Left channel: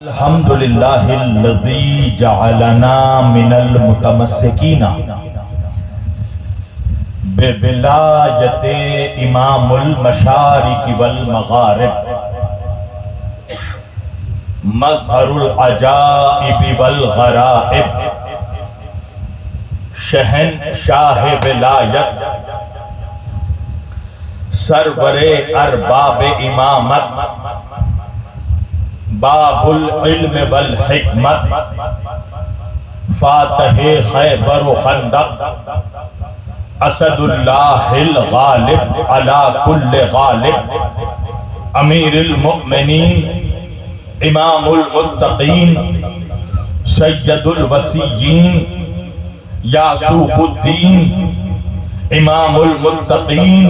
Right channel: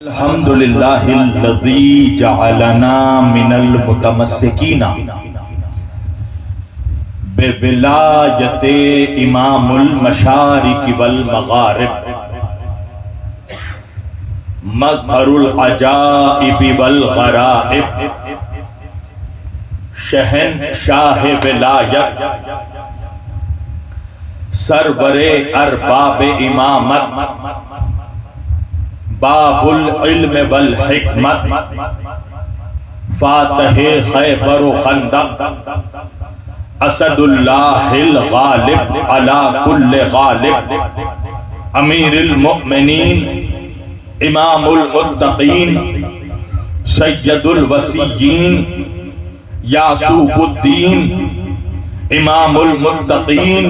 الحمدللہ الذی جعلنا من المتمسکین بولایت امام المشارق والمغارب مظہر العجائب والغرائب شہنشاہ ولایت سرور ارباب امامت باب العلم والحکمت فاتح خیبر و خندق اسد اللہ الغالب علی کل غالب امیر المؤمنین امام المتقین سید الوسیین یعصوب الدین امام المتقین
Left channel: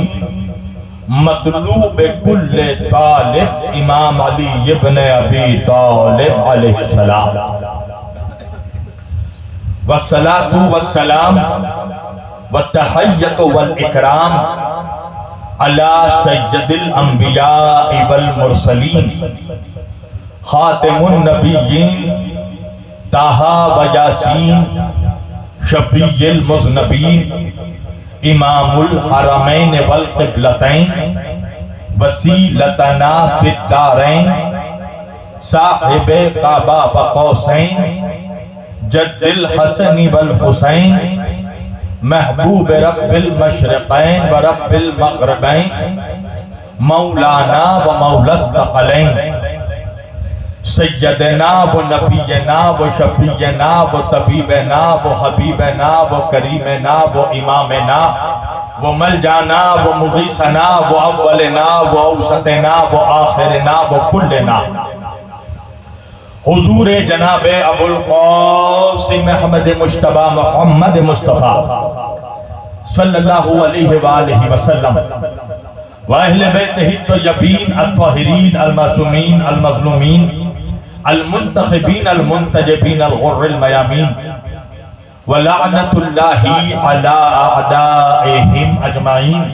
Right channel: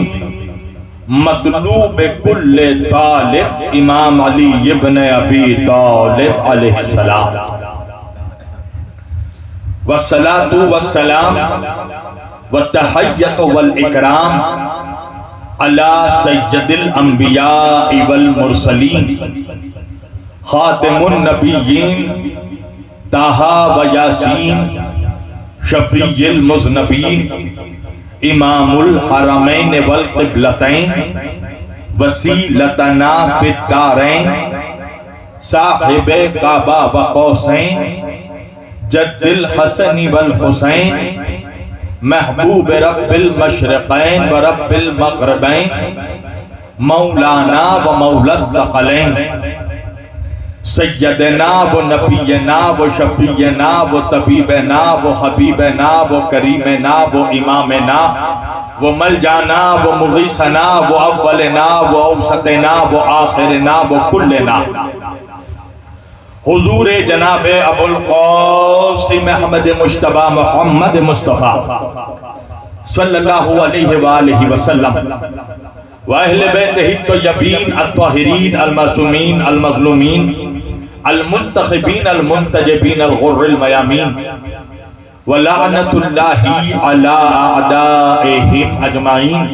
مطلوب کل طالب امام علی ابن ابی طالب علیہ السلام والصلاة والسلام والتحیت والاکرام علی سید الانبیاء والمرسلین خاتم النبیین طٰہٰ و یاسین شفیع المذنبین امام الحرمین والقبلتین وسیلتنا فی الدارین صاحب کعبہ و قوسین جد الحسن والحسین محبوب رب المشرقین و رب المغربین مولانا و مولا الثقلین سیدنا و نبینا و شفیعنا و طبیبنا و حبیبنا و کریمنا و امامنا و ملجانا و مغیثنا و اولنا و اوسطنا و آخرنا و کلنا حضور جناب ابو القاسم احمد مجتبی محمد مصطفیٰ صلی اللہ علیہ وآلہ وسلم و اہل بیتہ الطیبین الطاہرین المعصومین المظلومین المنتخبین المنتجبین الغر المیامین ولعنت اللہ علی اعدائہم اجمعین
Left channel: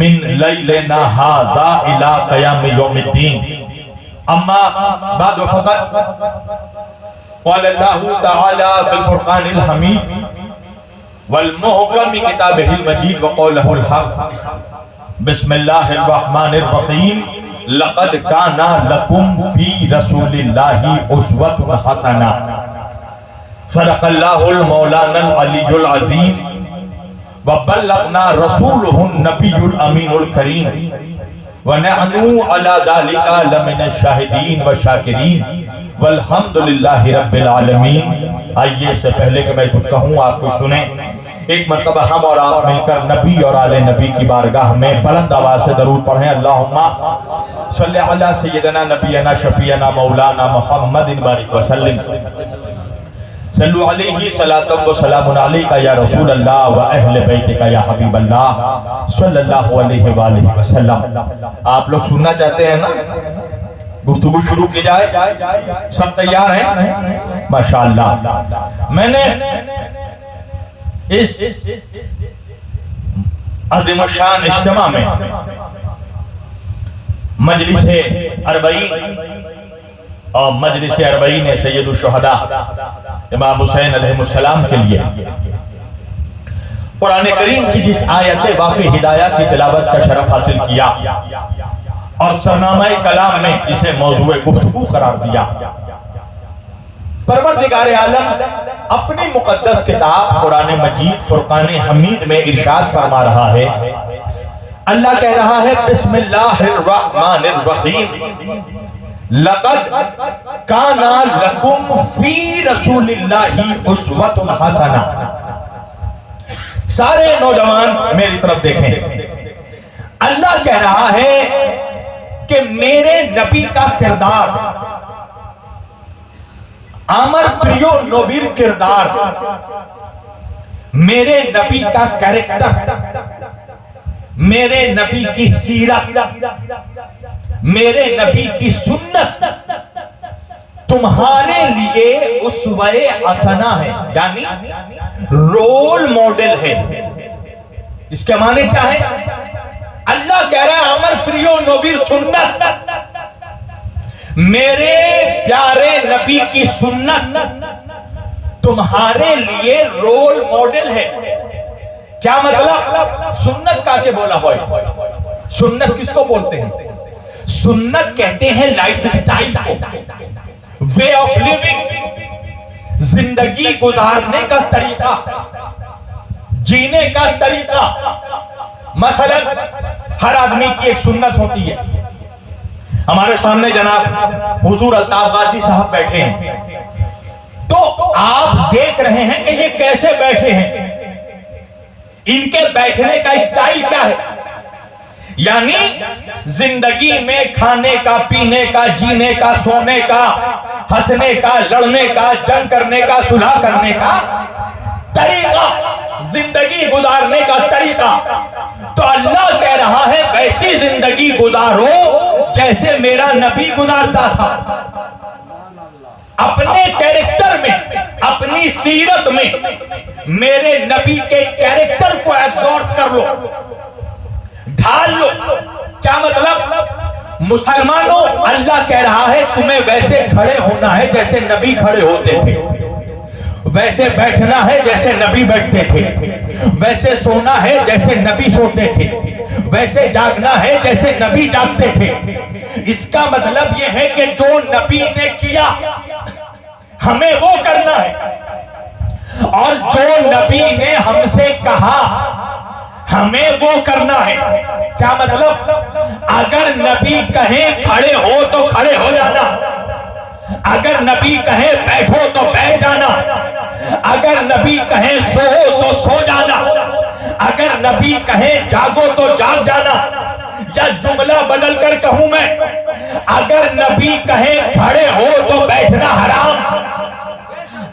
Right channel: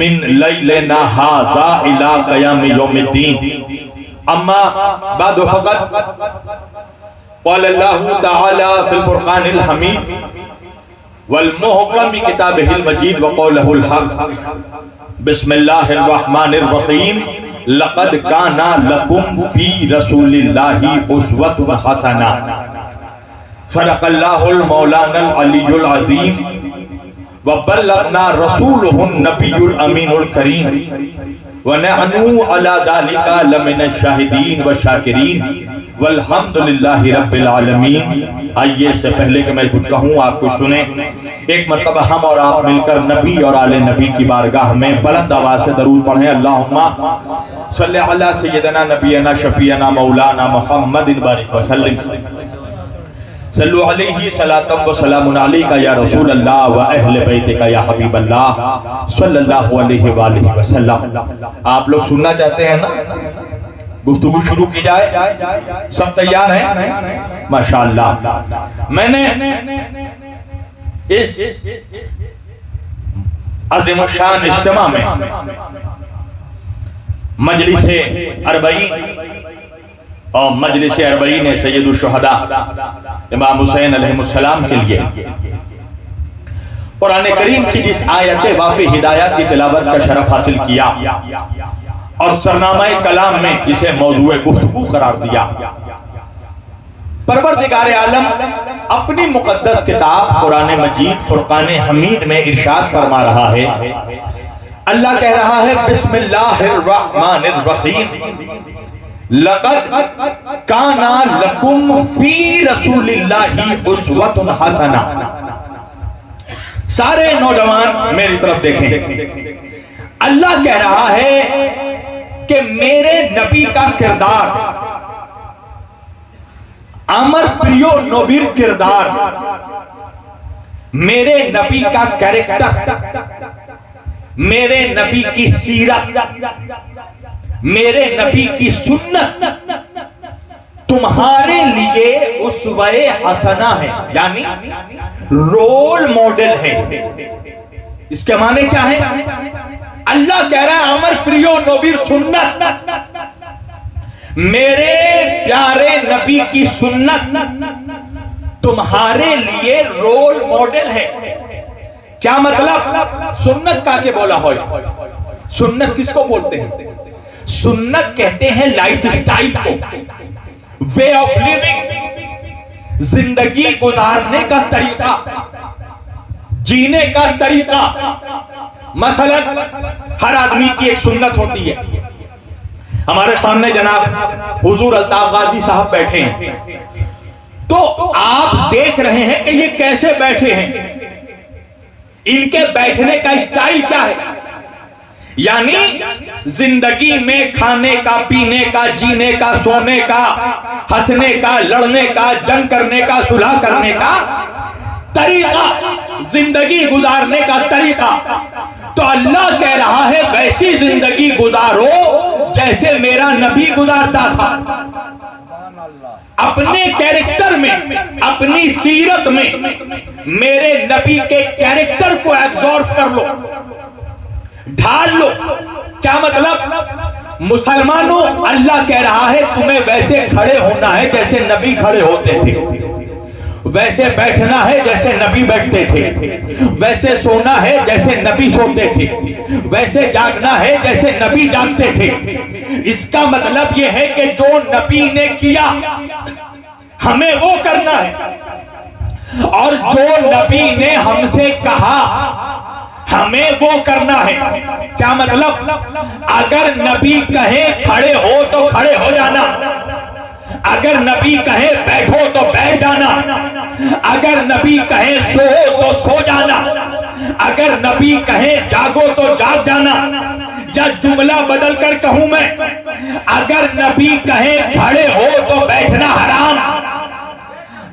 من لیلنا ھذا الی قیام یوم الدین اما بعد فقط قال اللہ تعالی فی الفرقان الحمید والمحکم کتابہ المجید وقولہ الحق بسم اللہ الرحمن الرحیم لقد کانا لکم فی رسول اللہ اسوۃ حسنہ صدق اللہ المولانا العلی العظیم وبلغنا رسولہ النبی الامین الکریم ونحن علی ذلک لمن الشاہدین والشاکرین والحمدللہ رب العالمین۔ آئیے اس سے پہلے کہ میں کچھ کہوں آپ کچھ سنیں، ایک مرتبہ ہم اور آپ مل کر نبی اور آل نبی کی بارگاہ میں بلند آواز سے درود پڑھیں۔ اللہم صلی علی سیدنا نبینا شفیعنا مولانا محمد بارک وسلم صلو علیہ صلاۃ و سلام علیکہ یا رسول اللہ و اہل بیتکہ یا حبیب اللہ صلی اللہ علیہ وآلہ وسلم۔ آپ لوگ سننا چاہتے ہیں نا؟ گفتگو شروع کی جائے؟ سب تیار ہیں؟ ماشاءاللہ۔ میں نے اس عظیم الشان اجتماع میں مجلس اربعین اور مجلس اربعین سید الشہداء امام حسین علیہ السلام کے لیے قرآن کریم کی جس آیت واقع ہدایات کی تلاوت کا شرف حاصل کیا اور سرنامہ کلام میں اسے موضوع گفتگو قرار دیا، پروردگار عالم اپنی مقدس کتاب قرآن مجید فرقان حمید میں ارشاد فرما رہا ہے، اللہ کہہ رہا ہے بسم اللہ الرحمن الرحیم لقد کان لکم فی رسول اللہ اسوۃ حسنہ۔ سارے نوجوان میری طرف دیکھیں، اللہ کہہ رہا ہے کہ میرے نبی کا کردار، امر پریو نوبیر کردار، میرے نبی کا کریکٹر، میرے نبی کی سیرت، میرے نبی کی سنت تمہارے لیے اسوہ حسنہ ہے، یعنی رول ماڈل ہے۔ اس کے معنی کیا ہے؟ اللہ کہہ رہا ہے امر پریو نوبیر سنت میرے پیارے نبی کی سنت تمہارے لیے رول ماڈل ہے. کیا مطلب؟ سنت کا کے بولا ہوئے. سنت کس کو بولتے ہیں؟ سنت کہتے ہیں لائف سٹائل کو، وے آف لیونگ، زندگی گزارنے کا طریقہ، جینے کا طریقہ. مثلا ہر آدمی کی ایک سنت ہوتی ہے. ہمارے سامنے جناب حضور الطاف غازی صاحب بیٹھے ہیں، تو آپ دیکھ رہے ہیں کہ یہ کیسے بیٹھے ہیں، ان کے بیٹھنے کا اسٹائل کیا ہے. یعنی زندگی میں کھانے کا، پینے کا، جینے کا، سونے کا، ہنسنے کا، لڑنے کا، جنگ کرنے کا، صلح کرنے کا طریقہ، زندگی گزارنے کا طریقہ. تو اللہ کہہ رہا ہے ویسی زندگی گزارو جیسے میرا نبی گزارتا تھا. اپنے کیریکٹر میں، اپنی سیرت میں میرے نبی کے کیریکٹر کو ایبزارب کر لو، ڈھال لو. کیا مطلب؟ مسلمانوں اللہ کہہ رہا ہے تمہیں ویسے کھڑے ہونا ہے جیسے نبی کھڑے ہوتے تھے، ویسے بیٹھنا ہے جیسے نبی بیٹھتے تھے، ویسے سونا ہے جیسے نبی سوتے تھے، ویسے جاگنا ہے جیسے نبی جاگتے تھے. اس کا مطلب یہ ہے کہ جو نبی نے کیا ہمیں وہ کرنا ہے، اور جو نبی نے ہم سے کہا ہمیں وہ کرنا ہے. کیا مطلب؟ اگر نبی کہے کھڑے ہو تو کھڑے ہو جانا، اگر نبی کہے بیٹھو تو بیٹھ جانا، اگر نبی کہے سو تو سو جانا، اگر نبی کہے جاگو تو جاگ جانا. یا جملہ بدل کر کہوں میں، اگر نبی کہے کھڑے ہو تو بیٹھنا حرام،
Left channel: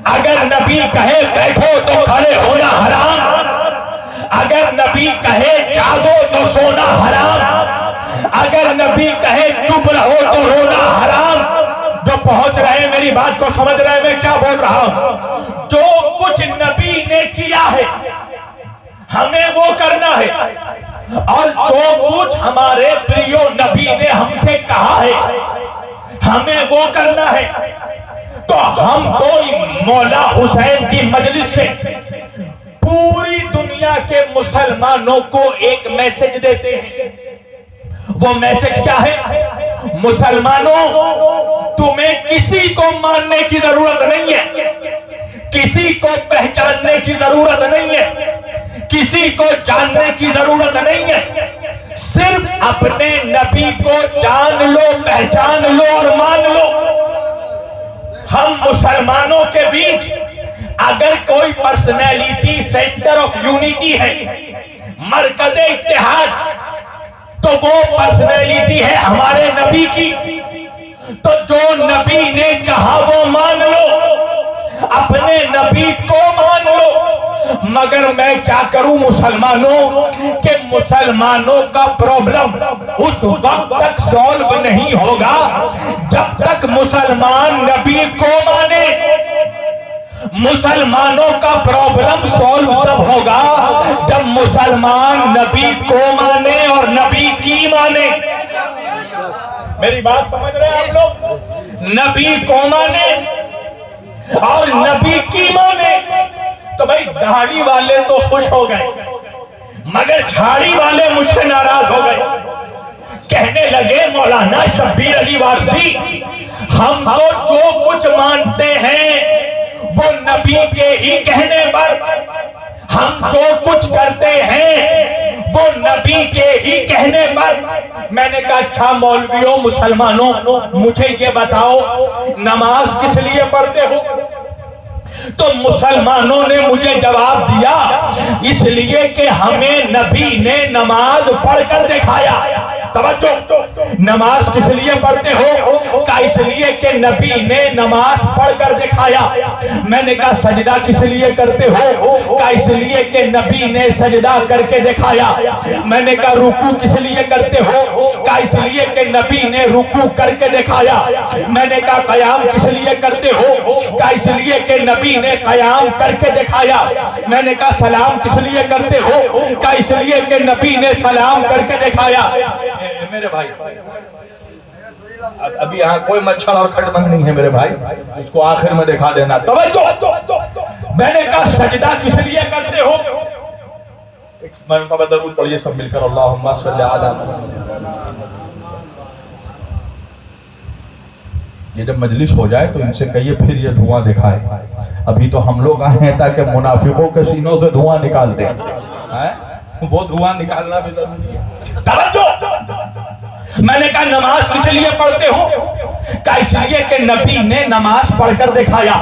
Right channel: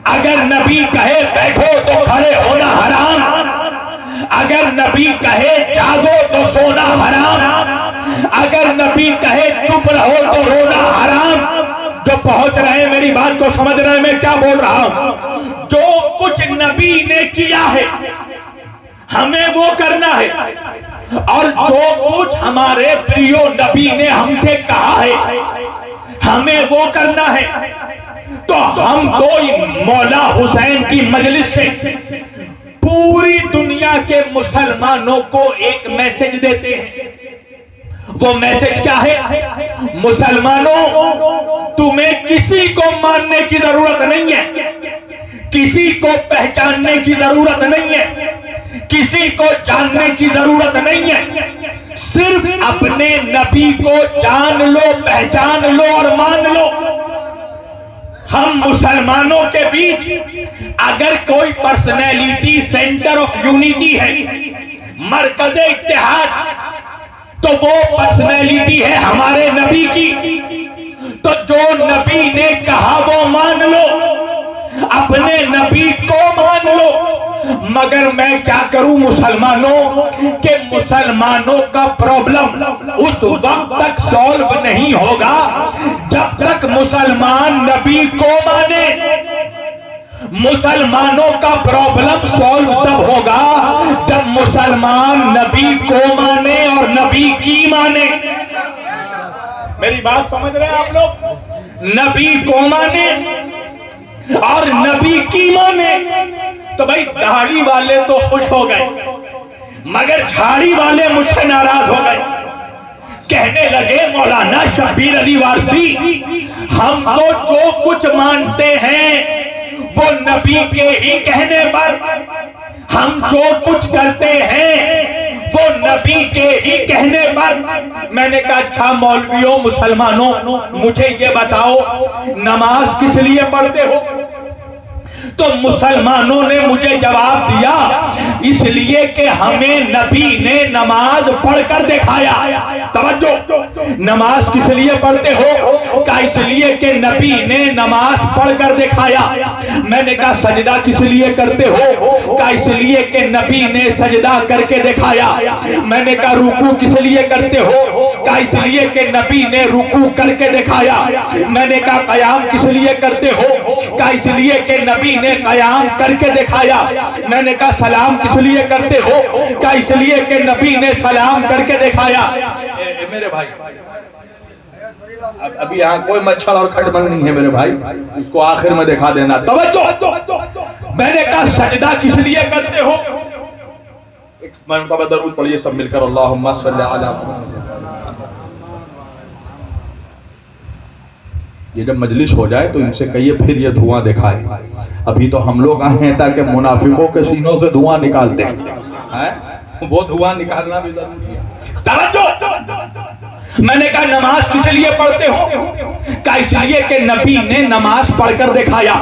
اگر نبی کہے بیٹھو تو کھڑے ہونا حرام، اگر نبی کہے جاگو تو سونا حرام، اگر نبی کہے چپ رہو تو رونا حرام. جو پہنچ رہے ہیں میری بات کو سمجھ رہے ہیں میں کیا بول رہا ہوں؟ جو کچھ نبی نے کیا ہے ہمیں وہ کرنا ہے، اور جو کچھ ہمارے پریو نبی نے ہم سے کہا ہے ہمیں وہ کرنا ہے. تو ہم تو مولا حسین کی مجلس سے پوری دنیا کے مسلمانوں کو ایک میسج دیتے ہیں. وہ میسج کیا ہے؟ مسلمانوں تمہیں کسی کو ماننے کی ضرورت نہیں ہے، کسی کو پہچاننے کی ضرورت نہیں ہے، کسی کو جاننے کی ضرورت نہیں ہے. صرف اپنے نبی کو جان لو، پہچان لو اور مان لو. ہم مسلمانوں کے بیچ اگر کوئی پرسنالٹی سینٹر آف یونٹی ہے، مرکز اتحاد، تو وہ پرسنالٹی ہے ہمارے نبی کی. تو جو نبی نے کہا وہ مان لو، اپنے نبی کو مان لو. مگر میں کیا کروں مسلمانوں کہ مسلمانوں کا پرابلم اس وقت تک سولو نہیں ہوگا جب تک مسلمان نبی کو مانے. مسلمانوں کا پرابلم سولو تب ہوگا جب مسلمان نبی کو مانے اور نبی کی مانے. میری بات سمجھ رہے ہیں آپ لوگ؟ نبی کو مانے اور نبی کی مانے. تو بھائی داڑھی والے تو خوش ہو گئے مگر جھاڑی والے مجھ سے ناراض ہو گئے. کہنے لگے مولانا شبیر علی وارسی ہم تو جو کچھ مانتے ہیں وہ نبی کے ہی کہنے پر، ہم جو کچھ کرتے ہیں وہ نبی کے ہی کہنے پر. میں نے کہا اچھا مولویوں مسلمانوں مجھے یہ بتاؤ نماز کس لیے پڑھتے ہو؟ تو مسلمانوں نے مجھے جواب دیا اس لیے کہ ہمیں نبی نے نماز پڑھ کر دکھایا. توجہ، نماز کس لیے پڑھتے ہو؟ کہ اس لیے کہ نبی نے نماز پڑھ کر دکھایا. میں نے کہا سجدہ کس لیے کرتے ہو؟ کہ اس لیے کہ نبی نے سجدہ کر کے دکھایا. میں نے کہا رکوع کس لیے کرتے ہو؟ کہ اس لیے کہ نبی نے رکوع کر کے دکھایا. میں نے کہا قیام کس لیے کرتے ہو؟ کہ اس لیے کہ نبی نے قیام کر کے دکھایا. میں نے کہا سلام کس لیے کرتے ہو؟ کہ اس لیے کہ نبی نے سلام کر کے دکھایا. میرے بھائی ابھی یہاں کوئی مچھر اور کھٹ بند نہیں ہے میرے بھائی، اس کو آخر میں دکھا دینا۔ توجہ، میں نے کہا سجدہ کس لیے کرتے ہو؟ ایک مرتبہ درود پڑھیے سب مل کر، اللہم صلی علی محمد۔ یہ جب مجلس ہو جائے تو ان سے کہیے پھر یہ دھواں دکھائے۔ ابھی تو ہم لوگ آئے ہیں تاکہ منافقوں کے سینوں سے دھواں نکال دیں، وہ دھواں نکالنا بھی ضروری ہے۔ توجہ، میں نے کہا نماز کس لیے پڑھتے ہو؟ کہا اس لیے کہ نبی نے نماز پڑھ کر دکھایا۔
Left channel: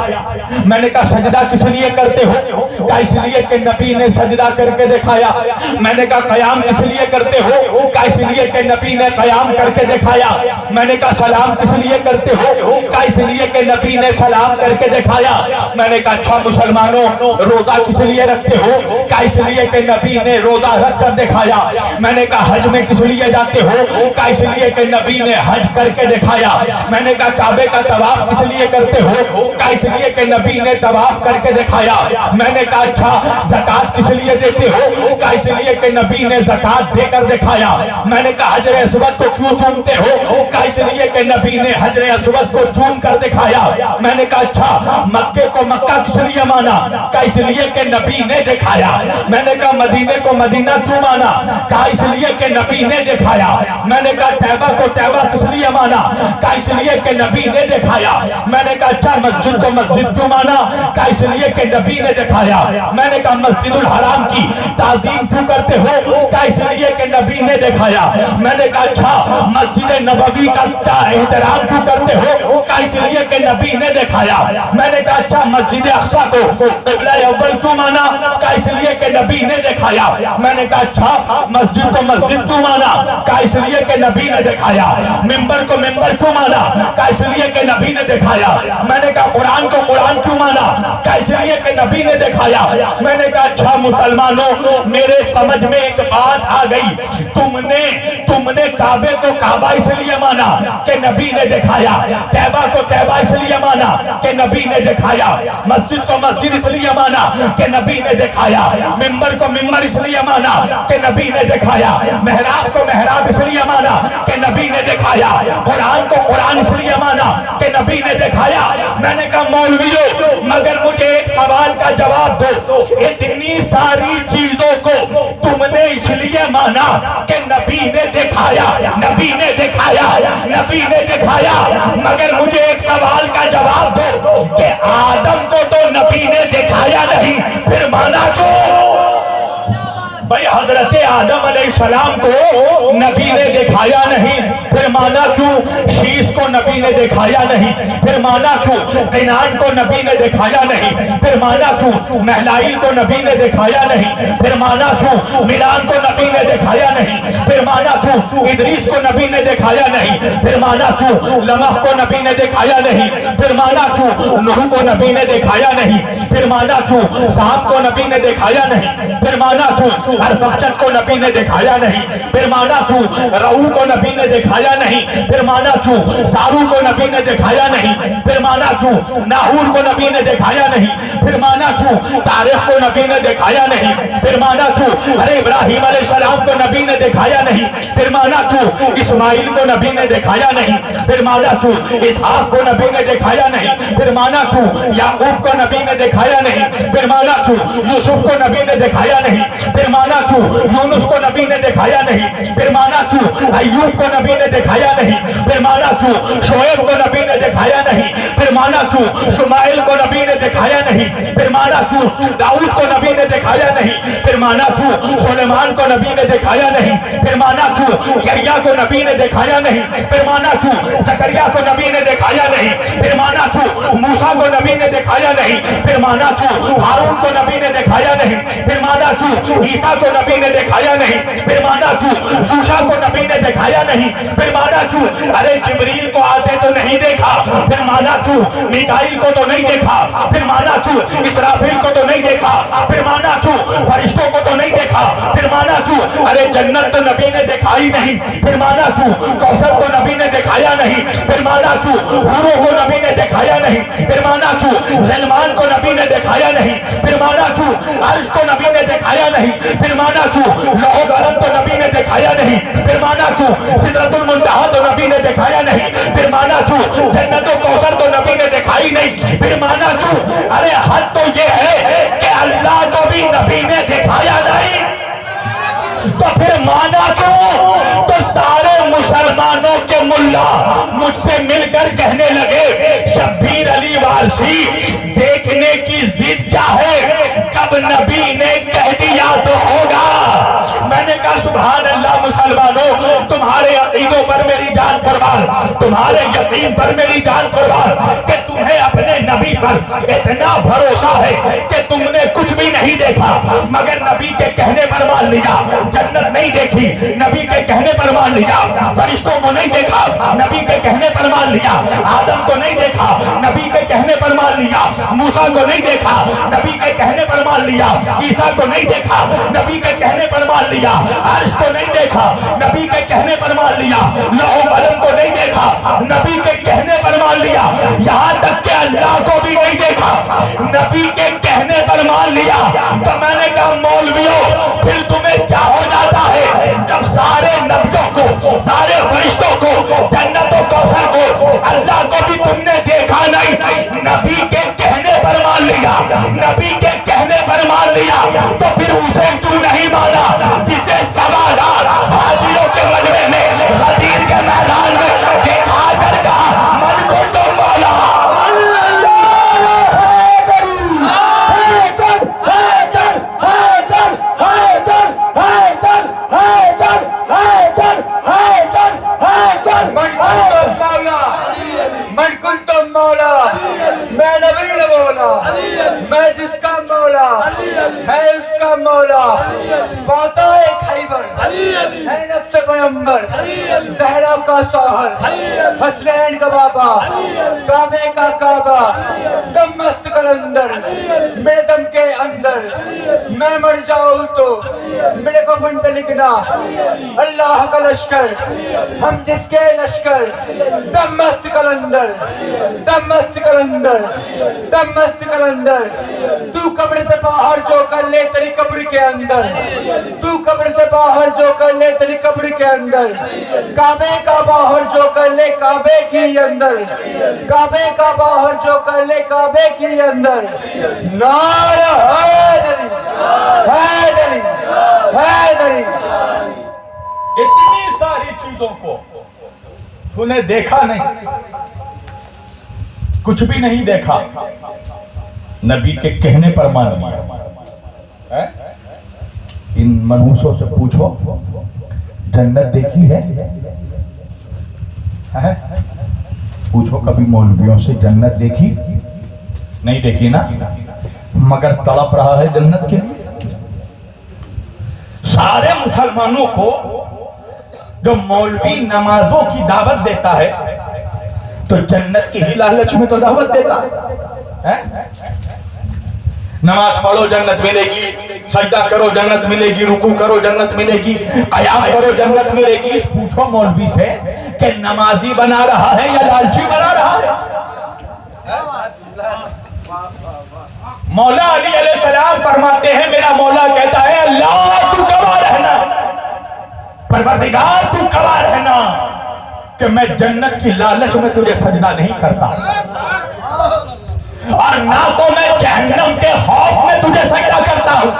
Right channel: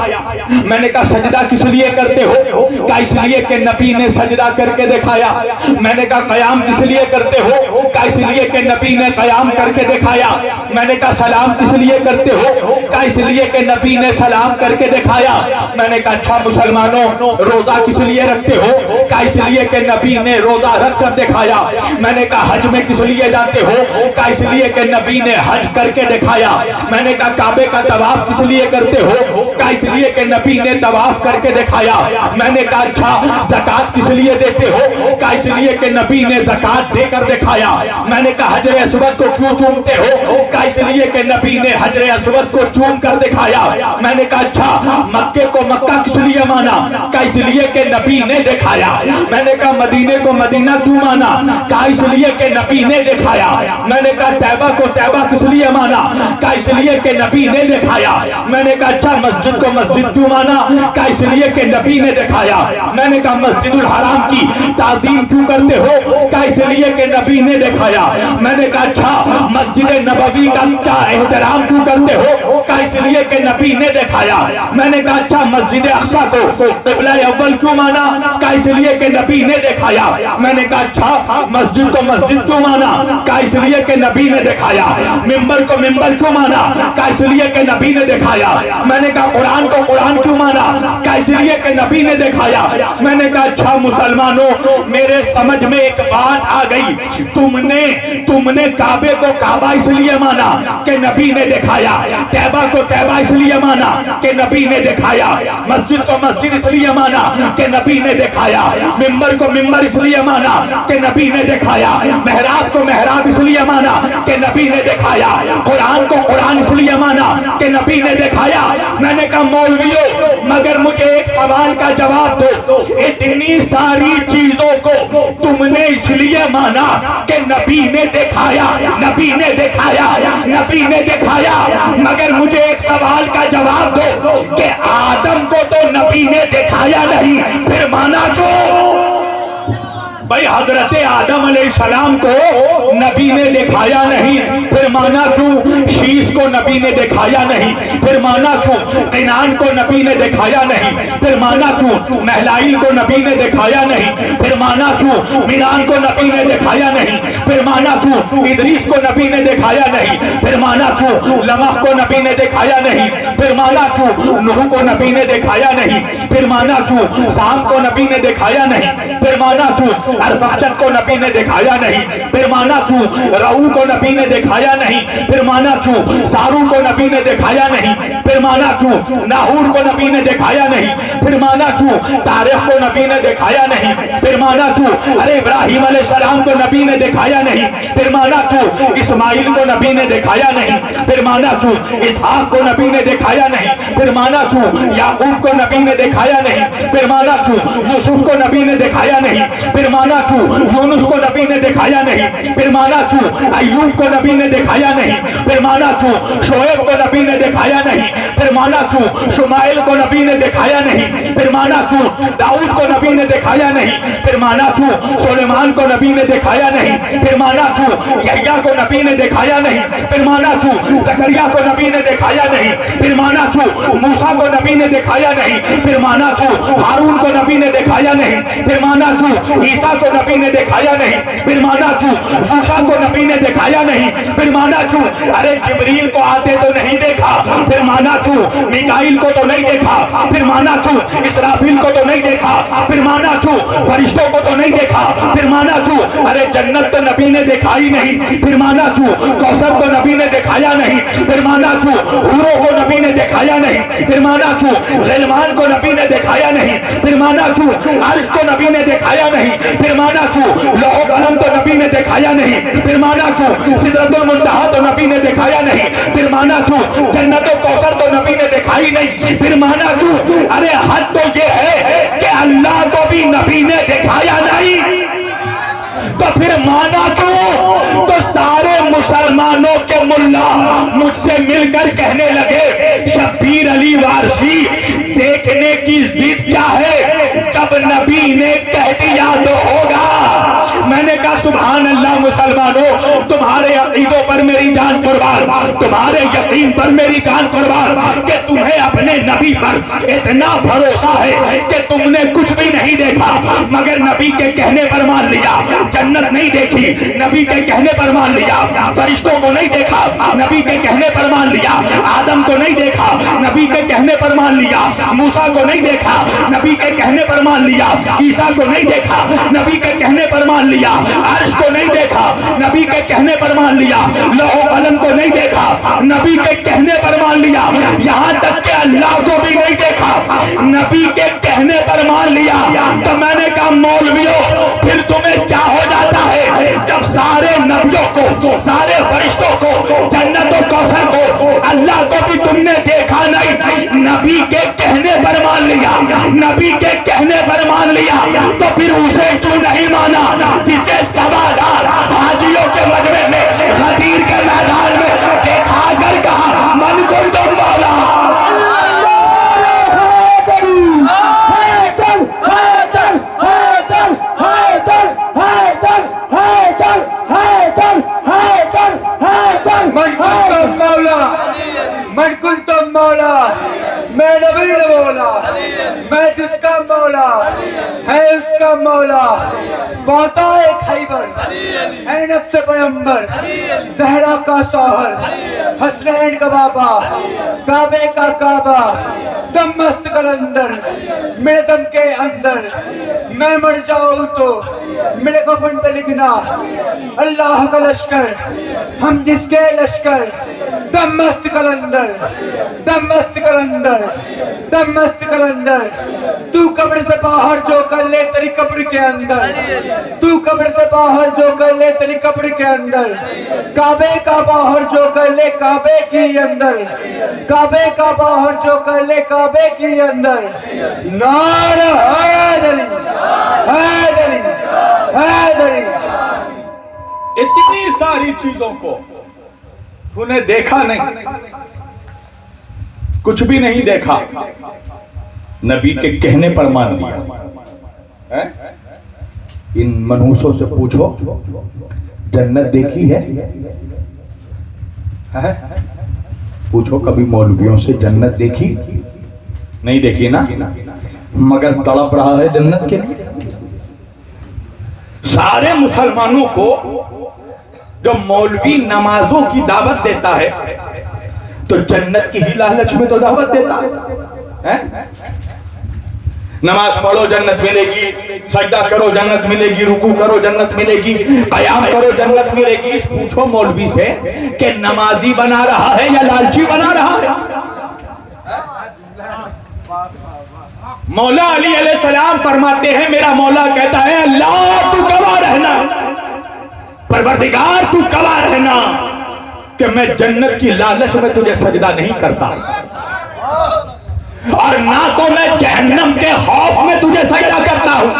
میں نے کہا سجدہ کس لیے کرتے ہو؟ کہا اس لیے کہ نبی نے سجدہ کر کے دکھایا۔ میں نے کہا قیام کس لیے کرتے ہو؟ کہا اس لیے کہ نبی نے قیام کر کے دکھایا۔ میں نے کہا سلام کس لیے کرتے ہو؟ کہا اس لیے کہ نبی نے سلام کر کے دکھایا۔ میں نے کہا اچھا مسلمانوں روزہ کس لیے رکھتے ہو؟ کہا اس لیے کہ نبی نے روزہ رکھ کر دکھایا۔ میں نے کہا حج میں کس لیے جاتے ہو؟ کہا اس لیے کہ نبی نے حج کر کے دکھایا۔ میں نے کہا کعبے کا طواف کس لیے کرتے ہو؟ کہا اس لیے کہ نبی نے طواف کر کے دکھایا۔ میں نے کہا اچھا زکوٰۃ کس لیے دیتے ہو؟ کہا اس لیے کہ نبی نے زکوٰۃ دے کر دکھایا۔ میں نے کہا حجر اسود کو کیوں چومتے ہو؟ کہا اس لیے کہ نبی نے حجر اسود کو چوم کر دکھایا۔ میں نے کہا اچھا مکے کو مکہ کس لیے مانا؟ کہا اس لیے کہ نبی نے دکھایا۔ میں نے کہا مدینے کو مدینہ کیوں مانا؟ کہا اس لیے کہ نبی نے دکھایا۔ میں نے کہا طیبہ کو طیبہ کس لیے مانا؟ کہا اس لیے کہ نبی نے دکھایا۔ میں نے کہا اچھا مسجد کو مسجد کیوں مانا؟ کہا اس لیے کہ نبی نے دکھایا۔ میں نے کہا مسجد الحرام کی تعظیم کیوں کرتے ہو؟ کہا اس لیے کہ نبی نے دکھایا۔ میں نے کہا اچھا مسجد نبوی کا احترام کیوں کرتے ہو؟ کہا اس لیے کہ نبی نے دکھایا۔ میں نے کہا اچھا مسجد اقصی کو قبلہ اول کیوں مانا؟ کہا اس لیے کہ نبی نے دکھایا۔ میں نے کہا اچھا مسجد کو مسجد کیوں مانا؟ کہا اس لیے کہ نبی نے دکھایا۔ ممبر کو ممبر کیوں مانا؟ کہا اس لیے کہ نبی نے دکھایا۔ میں نے کہا قرآن کو قرآن کیوں مانا؟ کہا اس لیے کہ نبی نے دکھایا۔ میں نے کہا اچھا مسلمانوں میرے سمجھ میں ایک بات آ گئی، تم نے کعبے کو کعبہ اس لیے مانا کہ نبی نے دکھایا، طیبہ کو طیبہ اس لیے مانا کہ نبی نے دکھایا، مسجد کو مسجد اس لیے مانا کہ نبی نے دکھایا، ممبر کو ممبر اس لیے مانا کہ نبی نے دکھایا، محراب کو محراب اس لیے مانا کہ نبی نے دکھایا، قرآن کو قرآن اس لیے مانا کہ نبی نے دکھایا۔ میں نے کہا مولویوں مگر مجھے ایک سوال کا جواب دو، اتنی ساری چیزوں کو تم نے اس لیے مانا کہ نبی نے دکھایا، نبی نے دکھایا، نبی نے دکھایا، مگر مجھے ایک سوال کا جواب دو کہ آدم کو تو نبی نے دکھایا نہیں، پھر مانا کیوں؟ بھائی حضرت آدم علیہ السلام کو نبی نے دکھایا نہیں، پھر مانا کیوں؟ شیش کو نبی نے دکھایا نہیں، پھر مانا کیوں؟ قینان کو نبی نے دکھایا نہیں، پھر مانا کیوں؟ محلائل کو نبی نے دکھایا نہیں، پھر مانا کیوں؟ میران کو نبی نے دکھایا نہیں، پھر مانا کیوں؟ ادریس کو نبی نے دکھایا نہیں، پھر مانا کیوں؟ لمح کو نبی نے دکھایا نہیں، پھر مانا کیوں؟ نوح کو نبی نے دکھایا نہیں، پھر مانا کیوں؟ سام کو نبی نے دکھایا نہیں، پھر مانا کیوں؟ ارفخشد کو نبی نے دکھایا نہیں، پھر مانا کیوں؟ رعو کو نبی نے دکھایا نہیں، پھر مانا کیوں؟ سارو کو نبی نے دکھایا نہیں، پھر مانا کیوں؟ ناہور کو نبی نے دکھایا نہیں، پھر مانا کیوں؟ تاریخ کو نبی نے دکھایا نہیں، پھر مانا کیوں؟ ارے ابراہیم علیہ السلام کو نبی نے دکھایا نہیں، پھر مانا کیوں؟ اسماعیل کو نبی نے دکھایا نہیں، پھر مانا کیوں؟ اسحاق کو نبی نے دکھایا نہیں، پھر مانا کیوں؟ یعقوب کو نبی نے دکھایا نہیں، پھر مانا کیوں؟ یوسف کو نبی نے دکھایا نہیں، پھر مانا کیوں؟ یونس کو نبی نے دکھایا نہیں، پھر مانا کیوں؟ ایوب کو نبی نے دکھایا نہیں، پھر مانا کیوں؟ شعیب کو نبی نے دکھایا نہیں، پھر مانا کیوں؟ شمائل کو نبی نے دکھایا نہیں، پھر مانا کیوں؟ داؤد کو نبی نے دکھایا نہیں، پھر مانا کیوں؟ سلیمان کو نبی نے دکھایا نہیں، پھر مانا کیوں؟ یحییٰ کو نبی نے دکھایا نہیں، پھر مانا کیوں؟ زکریا کو نبی نے دکھایا نہیں، پھر مانا کیوں؟ موسیٰ کو نبی نے دکھایا نہیں، پھر مانا کیوں؟ ہارون کو نبی نے دکھایا نہیں، پھر مانا کیوں؟ عیسیٰ کو نبی نے دکھایا نہیں، پھر مانا کیوں؟ یوشع کو نبی نے دکھایا نہیں، پھر مانا کیوں؟ ارے جبریل کو آتے تو نہیں دیکھا، پھر مانا کیوں؟ میکائیل کو تو نہیں دیکھا، پھر مانا کیوں؟ اسرافیل کو تو نہیں دیکھا، پھر مانا کیوں؟ فرشتوں کو تو نہیں دیکھا، پھر مانا کیوں؟ ارے جنت تو نبی نے دکھائی نہیں، پھر مانا کیوں؟ کوثر کو نبی نے دکھایا نہیں، پھر مانا کیوں؟ حوروں کو نبی نے دکھایا نہیں، پھر مانا کیوں؟ غلمان کو نبی نے دکھایا نہیں، پھر مانا کیوں؟ عرش کو نبی نے دکھایا نہیں، پھر مانا کیوں؟ لوح قلم تو نبی نے دکھایا نہیں، پھر مانا کیوں؟ سدرۃ المنتہا تو نبی نے دکھایا نہیں، پھر مانا کوئی نہیں. پھر مانا کیوں؟ ارے حد تو یہ ہے کہ اللہ کو بھی نبی نے دکھایا نہیں، تو پھر مانا کیوں؟ تو سارے مسلمانوں کے ملا مجھ سے مل کر کہنے لگے شبیر علی وارثی دیکھنے کی ضد کیا ہے، جب نبی نے کہہ دیا تو ہوگا. میں نے کہا سبحان اللہ مسلمانوں، تمہارے عقیدوں پر میری جان قربان، تمہارے یقین پر میری جان قربان کہ تمہیں اپنے نبی پر اتنا بھروسہ ہے کہ تم نے کچھ بھی نہیں دیکھا مگر نبی کے کہنے پر مان لیا. جنت نہیں دیکھی، نبی کے کہنے پر مان لیا. فرشتوں کو نہیں دیکھا، نبی کے کہنے پر مان لیا. آدم کو نہیں دیکھا، نبی کے کہنے پر مان لیا. موسیٰ کو نہیں دیکھا، نبی کے کہنے پر مان لیا. عیسیٰ کو نہیں دیکھا، نبی کے کہنے پر مان لیا. عرش کو نہیں دیکھا، نبی کے کہنے پر مان لیا. لوح و قلم کو نہیں دیکھا، نبی کے کہنے پر مان لیا. یہاں تک کہ اللہ کو بھی نہیں دیکھا، نبی کے کہنے پر مان لیا. تو میں نے کہا مولویوں پھر تمہیں کیا ہو جاتا ہے جب سارے نبیوں کو، سارے فرشتوں کو، جنت و کوثر کو، اللہ کو بھی تم نے دیکھا نہیں، نبی کے کہنے پر مان لیا، نبی کے کہنے پر مان لیا. تو پھر اسے کیوں نہیں مانا جسے سوادار حاجیوں کے مجمع میں غدیر کے میدان میں دکھا کر کہا من کو تو مولا. من کنتم مولا، میں نبی نہ مولا، میں جس کا مولا ہے اس کا مولا. باتا خیبر ہے نفس پیغمبر، زہرا کا سوہر، حسنین کا بابا، کعبے کا کعبہ، دم مست کلندر میرے دم کے اندر. میں مر جاؤں تو میرے کفن پہ لکھنا اللہ کا لشکر، ہم جس کے لشکر. دم مست کلندر، دم مست کلندر، دم مست کلندر. تو قبر سے باہر جو کر لے تیری قبر کے اندر، تو قبر سے باہر جو کر لے تیری قبر کے اندر. کعبے کا باہر جو کر لے کعبے کی اندر، کعبے کا باہر جو کر لے کعبے کی اندر. نعرہ حیدری، حیدری، حیدری. اتنی ساری چیزوں کو تو نے دیکھا نہیں، کچھ بھی نہیں دیکھا، نبی کے کہنے پر مان لیا. ان منحوسوں سے پوچھو جنت دیکھی ہے؟ پوچھو کبھی مولویوں سے جنت دیکھی؟ نہیں دیکھی نا، مگر تڑپ رہا ہے جنت کے لیے. سارے مسلمانوں کو جو مولوی نمازوں کی دعوت دیتا ہے تو جنت کی ہی لالچ میں تو دعوت دیتا ہے. نماز پڑھو جنت ملے گی، سجدہ کرو جنت ملے گی، رکوع کرو جنت ملے گی، قیام کرو جنت ملے گی. پوچھو مولوی سے کہ نمازی بنا رہا ہے یا لالچی بنا رہا ہے؟ مولا علی علیہ السلام فرماتے ہیں، میرا مولا کہتا ہے اللہ تو گواہ رہنا، پروردگار تو گواہ رہنا کہ میں جنت کی لالچ میں تجھے سجدہ نہیں کرتا، اور نہ تو میں جہنم کے خوف میں تجھے سجدہ کرتا ہوں.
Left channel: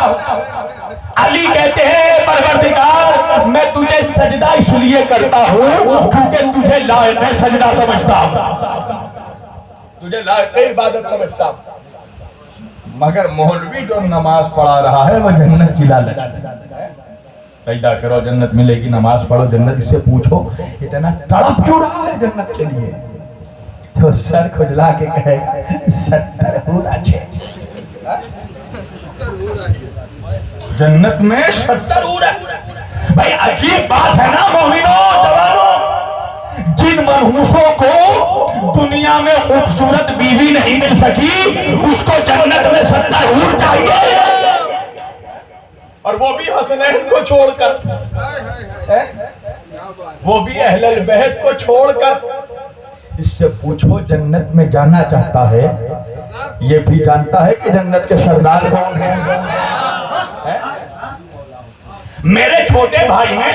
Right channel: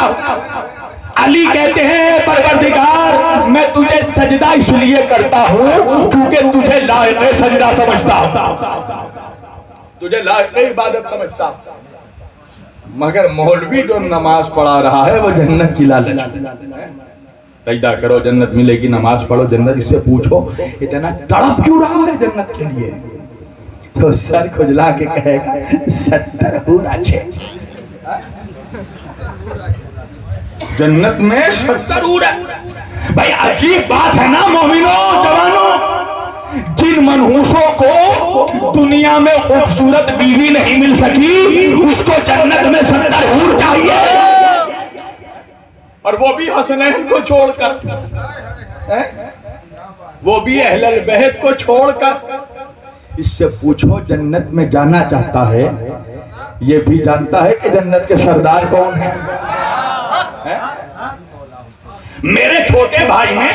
علی کہتے ہیں پروردگار میں تجھے سجدہ اس لیے کرتا ہوں کیونکہ تجھے لائق سجدہ سمجھتا ہوں، تجھے لائق عبادت سمجھتا ہوں. مگر مولوی جو نماز پڑھا رہا ہے وہ جنت کی لالچ. سجدہ کرو جنت ملے گی، نماز پڑھو جنت. اس سے پوچھو اتنا تڑپ کیوں رہا ہے جنت کے لیے؟ تو سر کھجلا کے کہے گا 70 حور اچھے. جنت میں 70 حور ہے. بھائی عجیب بات ہے نا مومنوں، جوانوں. جن منحوسوں کو دنیا میں خوبصورت بیوی نہیں مل سکی اس کو جنت میں 70 حور چاہیے، اور وہ بھی حسنین کو چھوڑ کر، وہ بھی اہل البیت کو چھوڑ کر. اس سے پوچھو جنت میں جانا چاہتا ہے، یہ بھی جانتا ہے کہ جنت کے سردار کون ہیں. میرے چھوٹے بھائی نے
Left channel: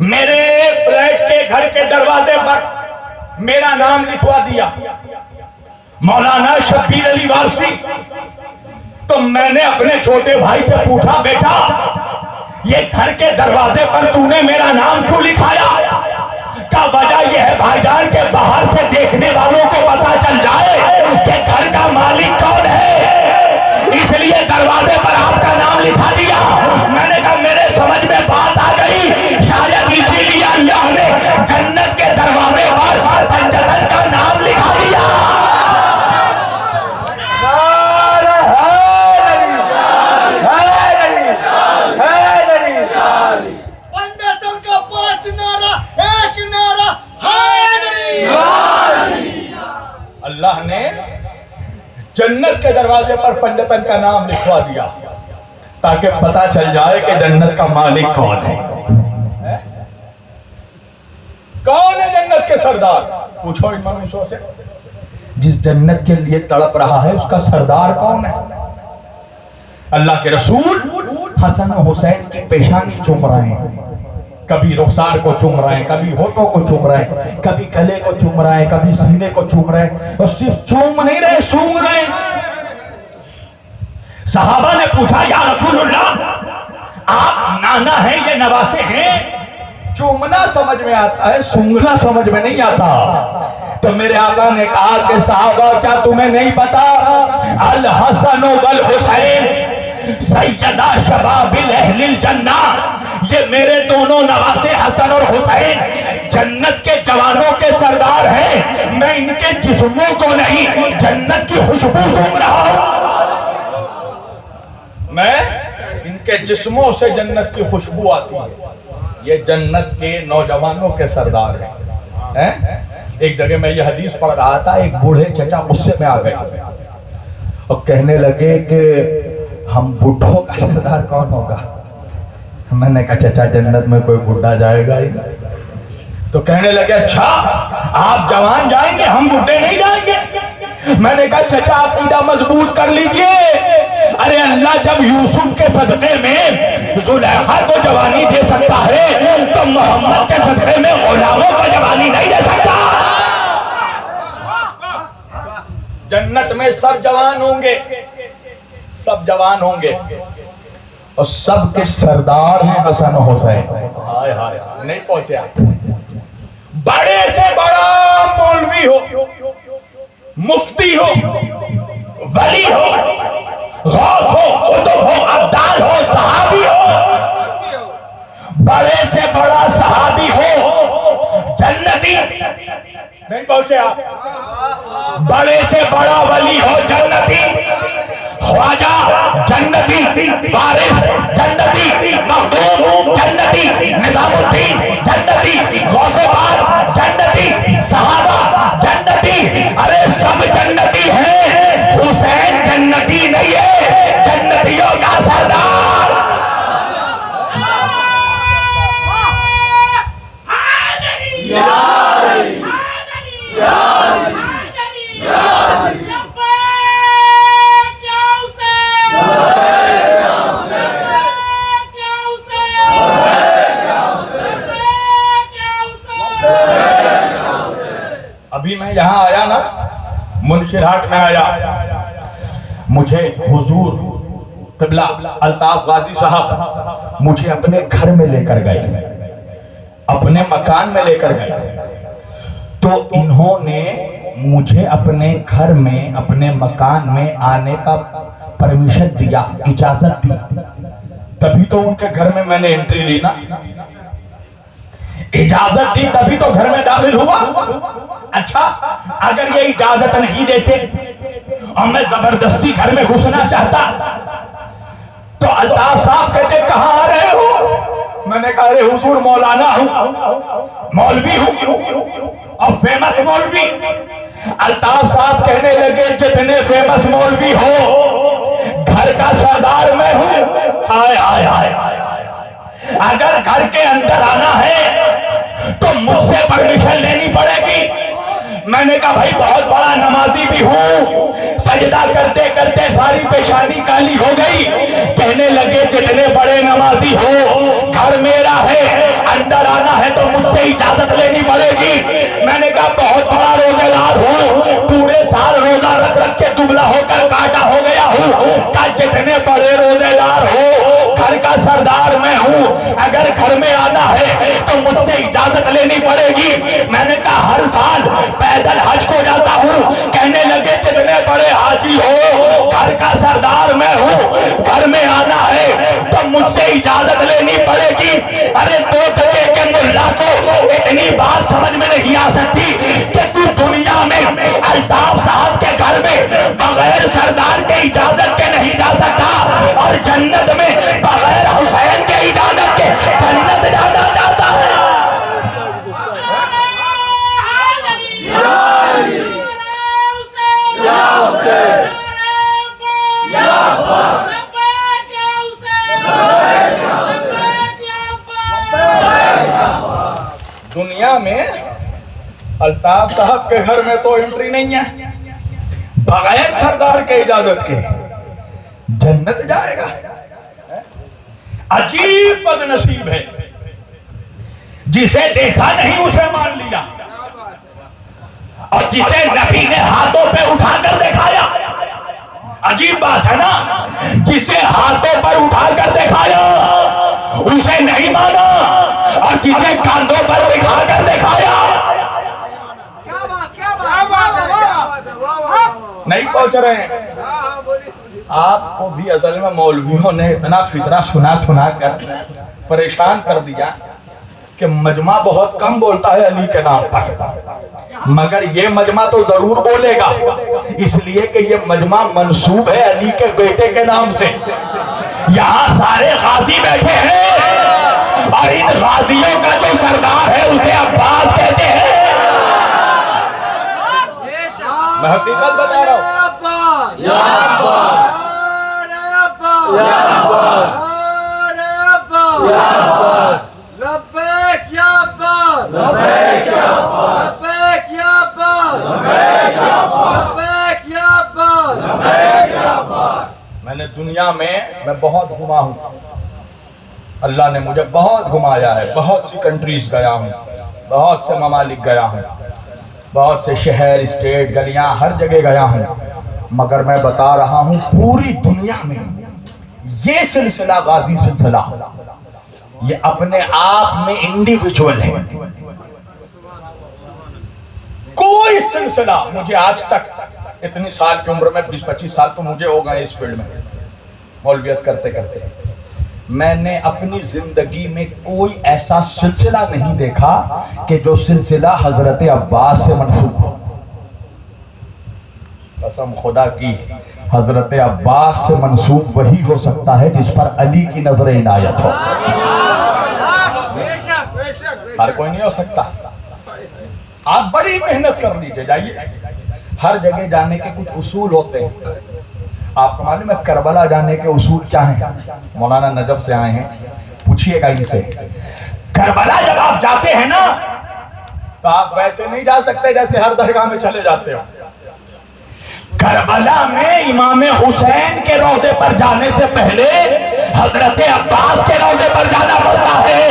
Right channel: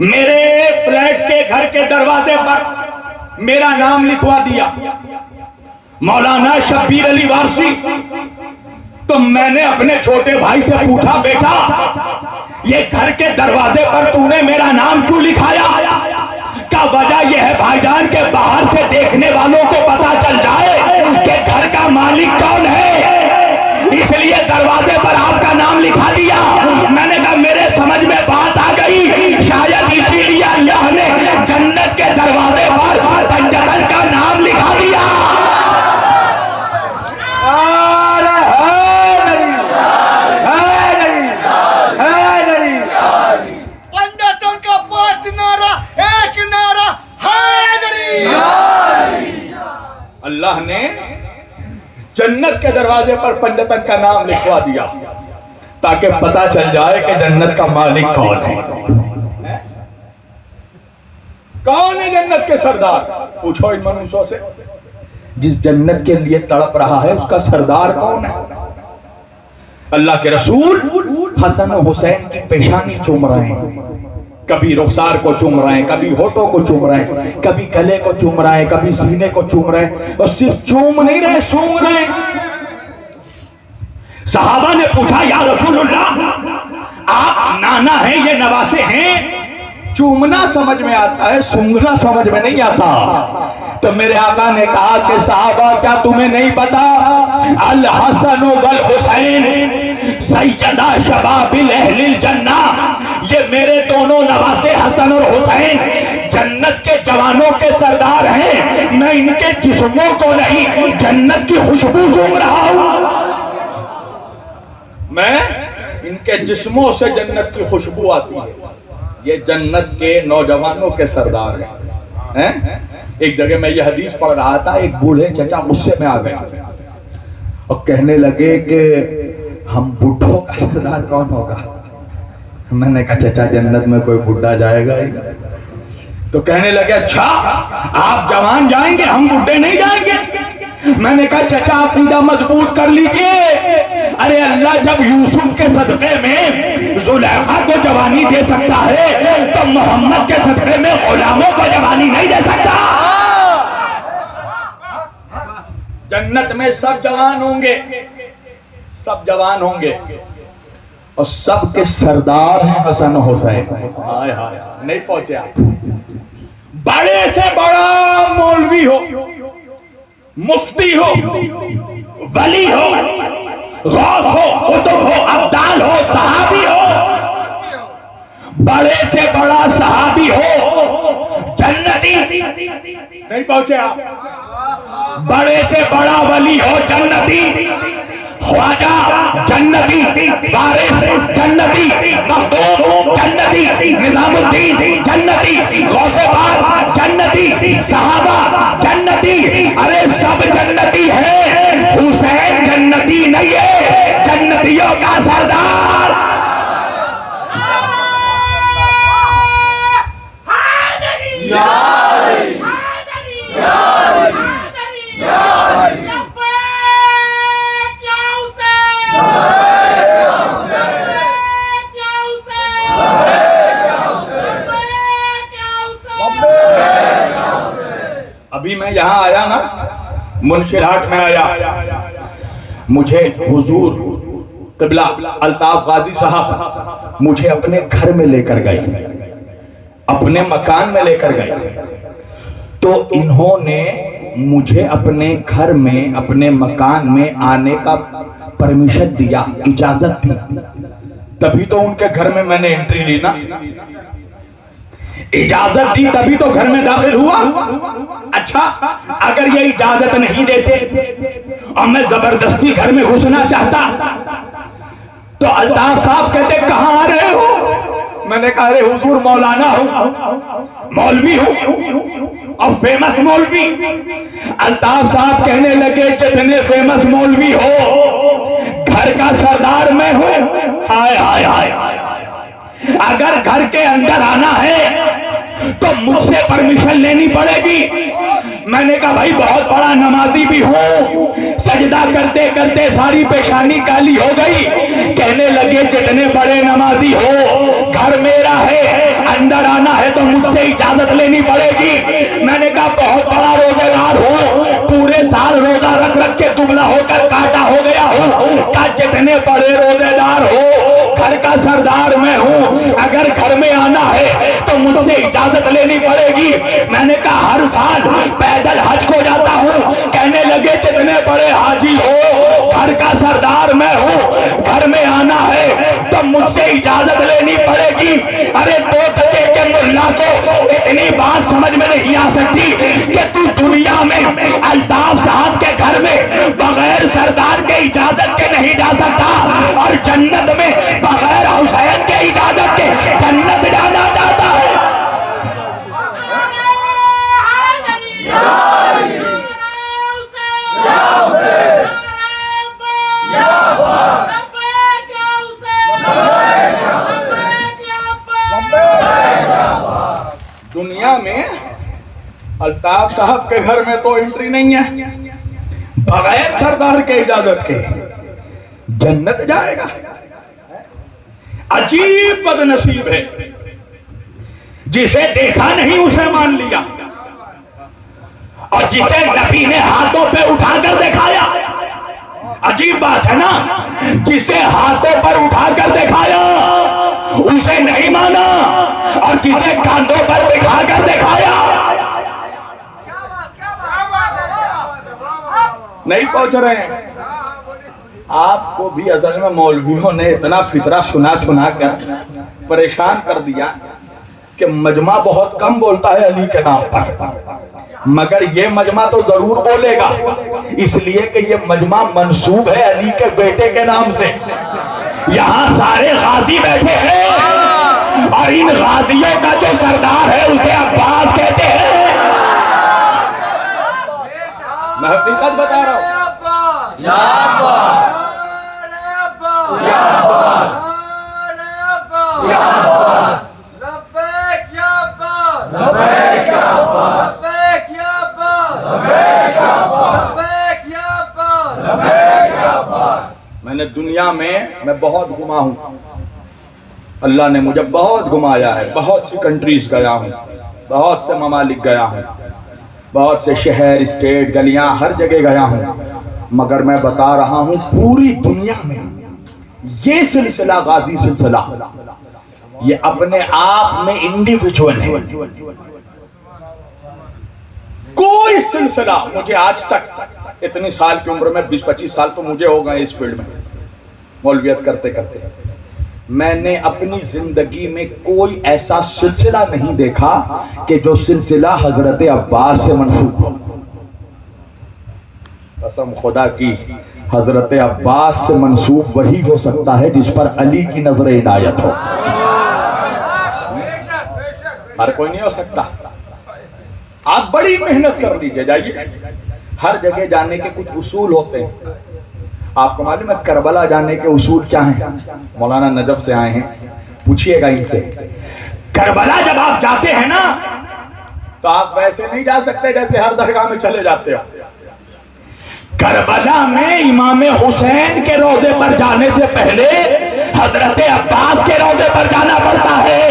میرے فلیٹ کے گھر کے دروازے پر میرا نام لکھوا دیا. مولانا شبیر علی وارسی. تو میں نے اپنے چھوٹے بھائی سے پوچھا بیٹا یہ گھر کے دروازے پر تو نے میرا نام کیوں لکھایا؟ کا وجہ یہ ہے بھائی جان کہ باہر سے دیکھنے والوں کو پتا چل جائے کہ گھر کا مالک کون ہے، اس لیے دروازے پر آپ کا نام لکھا دیا. میں نے کہا میرے سمجھ میں بات آ گئی، شاید اسی لیے اللہ نے جنت کے دروازے پر تنجدل کا نام لکھا دیا. پنڈتوں کا 5 نعرہ، ایک نعرہ حیدری. اللہ نے جنت کے دروازے پر پنجتن کا نام لکھوا دیا تاکہ پتا چل جائے کہ جنت کا مالک کون ہے. کون ہے جنت کے سردار؟ پوچھو اس منوسوں سے، جس جنت کے لیے تڑپ رہا ہے اس کا سردار کون ہے؟ اللہ کے رسول حسن و حسین کی پیشانی چوم رہے ہیں، کبھی رخسار کو چوم رہے ہیں، کبھی ہونٹوں کو چوم رہے ہیں، کبھی گلے کو چوم رہے ہیں، کبھی سینے کو چوم رہے ہیں، اور صرف چوم نہیں رہے، سونگ رہے ہیں. صحابہ نے پوچھا یا رسول اللہ آپ نانا ہیں یہ نواسے ہیں، چومنا سمجھ میں آتا ہے سونگنا سمجھ میں نہیں آتا. تو میرے آقا نے کہا کہ صحابہ کیا تمہیں نہیں پتا الحسن والحسین سیدہ شباب اہل الجنہ، یہ میرے دونوں نواسے حسن اور حسین جنت کے جوانوں کے سردار ہیں. میں ان کے جسموں کو نہیں جنت کی خوشبو سونگ رہا ہوں، میں ان کے جسموں سے جنت کی خوشبو آتی ہے. یہ جنت کے نوجوانوں کے سردار ہیں. ایک جگہ میں یہ حدیث پڑھ رہا تھا، ایک بوڑھے چچا غصے میں آ گئے اور کہنے لگے کہ ہم بوڑھوں کا سردار کون ہوگا؟ میں نے کہا چچا جنت میں کوئی بوڑھا جائے گا ہی. تو کہنے لگے اچھا آپ جوان جائیں گے ہم بوڑھے نہیں جائیں گے؟ میں نے کہا چچا عقیدہ مضبوط کر لیجئے، ارے اللہ جب یوسف کے صدقے میں زلیخا کو جوانی دے سکتا ہے تو محمد کے صدقے میں غلاموں کو جوانی نہیں دے سکتا. جنت میں سب جوان ہوں گے، سب جوان ہوں گے اور سب کے سردار ہیں حسن و حسین. ہائے ہائے نہیں پہنچے آپ. بڑے سے بڑا مولوی ہو، مفتی ہو، ولی ہو، غوث ہو، قطب ہو، ابدال ہو، صحابی ہو، بڑے سے بڑا صحابی ہو جنتی نہیں پہنچے آپ. بڑے سے بڑا ولی ہو جنتی، خواجہ جنتی، وارث جنتی، مخدوم جنتی، نظام الدین جنتی، غوث پاک جنتی، صحابہ جنتی، ارے سب جنتی ہیں. حسین جنتی نہیں ہے، جنتیوں کا سردار. ابھی میں یہاں آیا نا، منشرہٹ میں آیا، مجھے حضور قبلہ الطاف غازی صاحب مجھے اپنے گھر میں لے کر گئے، اپنے مکان میں لے کر گئے. تو انہوں نے مجھے اپنے گھر میں اپنے مکان میں آنے کا پرمیشن دیا، اجازت دی، تبھی تو ان کے گھر میں نے انٹری لی نا. اجازت دی تبھی تو گھر میں داخل ہوا. اچھا اگر یہ اجازت نہیں دیتے اور میں زبردستی گھر میں گھسنا چاہتا تو الطاف صاحب کہتے کہاں آ رہے ہو؟ میں نے کہا ارے حضور مولانا ہوں، مولوی ہوں اور فیمس مولوی. الطاف صاحب کہنے لگے جتنے فیمس مولوی ہو گھر کا سردار میں ہوں. ہائے ہائے ہائے، اگر گھر کے اندر آنا ہے تو مجھ سے پرمیشن لینی پڑے گی. میں نے کہا بھائی بہت بڑا نمازی بھی ہوں، سجدہ کرتے کرتے ساری پیشانی کالی ہو گئی. کہنے لگے جتنے بڑے نمازی ہو گھر میرا ہے، اندر آنا ہے تو مجھ سے اجازت لینی پڑے گی. میں نے کہا بہت بڑا روزہ دار ہو، پورے سال روزہ گھر کا سردار میں ہوں، گھر میں آنا ہے تو مجھ سے اجازت لینی پڑے گی۔ ارے 2 ٹکے کے ملا کو اتنی بات سمجھ میں نہیں آ سکتی کہ تو دنیا میں الطاف صاحب کے گھر میں بغیر سردار کے اجازت کے نہیں جا سکتا، اور جنت میں بغیر حسین کے اجازت کے جنت جانا جاتا ہے۔ دنیا میں الطاف صاحب کے گھر میں تو انٹری نہیں ہے، بغیر سردار کے اجازت کے جنت جائے گا۔ عجیب بد نصیب ہے، جسے دیکھا نہیں اسے مان لیا، اور جسے نبی نے ہاتھوں پہ اٹھا کر دکھایا۔ عجیب بات ہے نا، جسے ہاتھوں پر اٹھا کر دکھایا اسے نہیں مانا، اور جسے کاندھوں پر بٹھا کر دکھایا نہیں پہنچ رہے ہیں۔ آپ کو بھی اصل میں مولویوں نے اتنا فطرہ سنا کر پریشان کر دیا کہ مجمع بہت کم بولتا ہے علی کے نام پر، مگر یہ مجمع تو ضرور بولے گا، اس لیے کہ یہ مجمع منسوب ہے علی کے بیٹے کے نام سے۔ یہاں سارے غازی بیٹھے ہیں، اور ان غازیوں کا جو سردار ہے اسے عباس کہتے ہیں۔ میں حقیقت بتا رہا ہوں۔ یا عباس، یا عباس، یا عباس، لبیک یا عباس، لبیک یا عباس، لبیک یا عباس، لبیک یا عباس، لبیک یا عباس، لبیک یا عباس۔ میں نے دنیا میں بہت گھما ہوں، اللہ نے مجھے بہت گھمایا ہے، بہت سی کنٹریز گیا ہوں، بہت سے ممالک گیا ہوں، بہت سے شہر، اسٹیٹ، گلیاں، ہر جگہ گیا ہوں، مگر میں بتا رہا ہوں پوری دنیا میں یہ سلسلہ غازی سلسلہ یہ اپنے آپ میں انڈیویجول ہے۔ کوئی سلسلہ مجھے آج تک، اتنی سال کی عمر میں 20-25 سال تو مجھے ہو گئے اس فیلڈ میں مولویت کرتے کرتے، میں نے اپنی زندگی میں کوئی ایسا سلسلہ نہیں دیکھا کہ جو سلسلہ حضرت عباس سے منسوب ہو۔ قسم خدا کی، حضرت عباس سے منسوب وہی ہو سکتا ہے جس پر علی کی نظر عنایت ہو، ہر کوئی نہیں ہو سکتا۔ آپ بڑی محنت کر لیجئے، جائیے، ہر جگہ جانے کے کچھ اصول ہوتے ہیں۔ آپ کو معلوم ہے کربلا جانے کے اصول کیا ہیں؟ مولانا نجف سے آئے ہیں، پوچھئے گا ان سے۔ کربلا جب آپ جاتے ہیں نا تو آپ ویسے نہیں جا سکتے جیسے ہر درگاہ میں چلے جاتے ہو۔ کربلا میں امام حسین کے روضے پر جانے سے پہلے حضرت عباس کے روضے پر جانا پڑتا ہے۔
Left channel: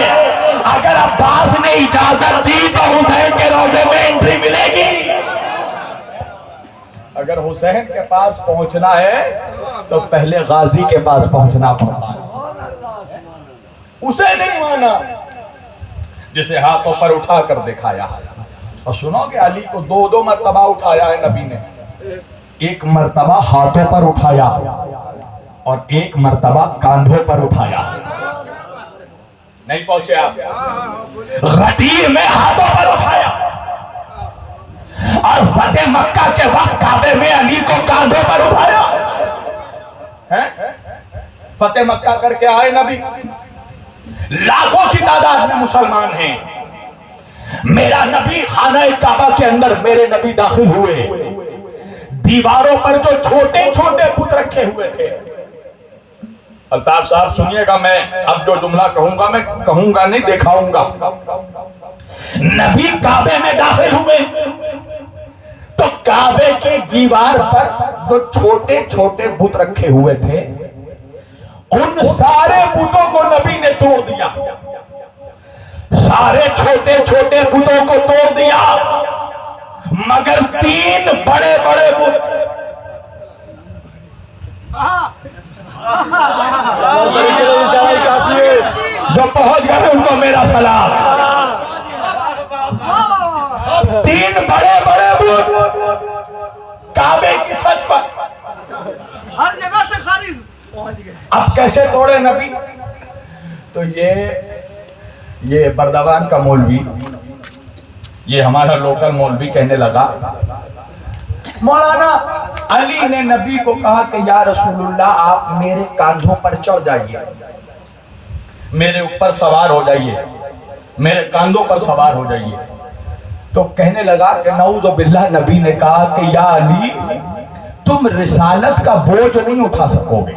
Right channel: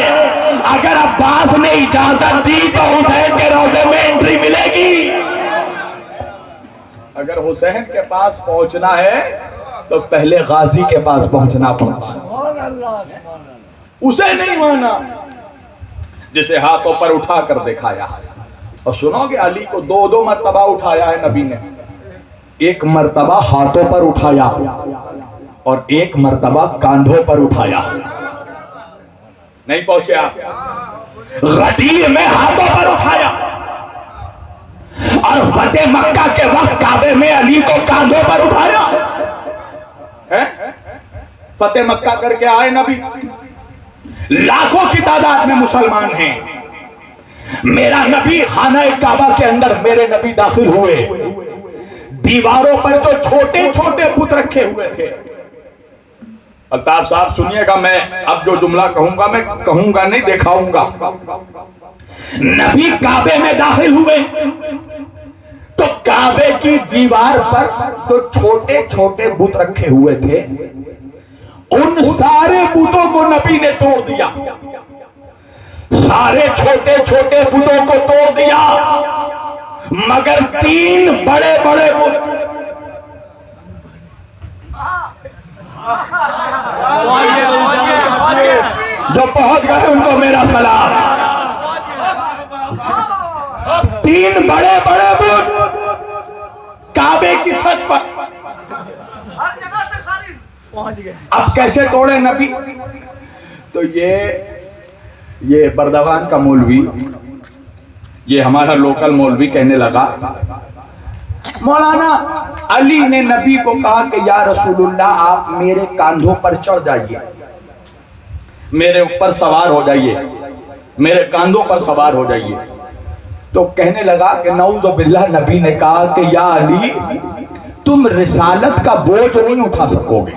اگر عباس نے اجازت دی تو حسین کے روضے میں انٹری ملے گی۔ اگر حسین کے پاس پہنچنا ہے تو پہلے غازی کے پاس پہنچنا پڑتا ہے۔ اسے نہیں مانا، جسے ہاتھوں پر اٹھا کر دکھایا۔ اور سنو گے علی کو 2 مرتبہ اٹھایا ہے نبی نے، ایک مرتبہ ہاتھوں پر اٹھایا اور ایک مرتبہ کاندھوں پر اٹھایا۔ نہیں پہنچے آپ؟ غدیر میں ہاتھوں پر اٹھایا، اور فتح مکہ کے وقت کعبے میں علی کو کاندھوں پر اٹھایا۔ فتح مکہ کر کے آئے نبی، لاکھوں کی تعداد میں مسلمان ہیں، میرا نبی خانہ کعبہ کے اندر میرے نبی داخل ہوئے، دیواروں پر جو چھوٹے چھوٹے بت رکھے ہوئے تھے۔ الطاف صاحب سنیے گا، میں اب جو جملہ کہوں گا میں کہوں گا نہیں، دکھاؤں گا۔ نبی کعبے میں داخل ہوئے تو کعبے کی دیوار پر جو چھوٹے چھوٹے بت رکھے ہوئے تھے ان سارے بتوں کو نبی نے توڑ دیا، سارے چھوٹے چھوٹے بتوں کو توڑ دیا، مگر 3 بڑے بڑے بت جو پہنچ گئے ان کو میرا سلام۔ 3 بڑے بڑے بت کعبے کی چھت پر ہر جگہ سے خارج. اب کیسے توڑے نبی؟ تو یہ بردوان کا مولوی، یہ ہمارا لوکل مولوی کہنے لگا مولانا علی نے نبی کو کہا کہ یا رسول اللہ آپ میرے کاندھوں پر چڑھ جائیے، میرے اوپر سوار ہو جائیے، میرے کاندھوں پر سوار ہو جائیے. تو کہنے لگا کہ نعوذ باللہ، نبی نے کہا کہ یا علی تم رسالت کا بوجھ نہیں اٹھا سکو گے.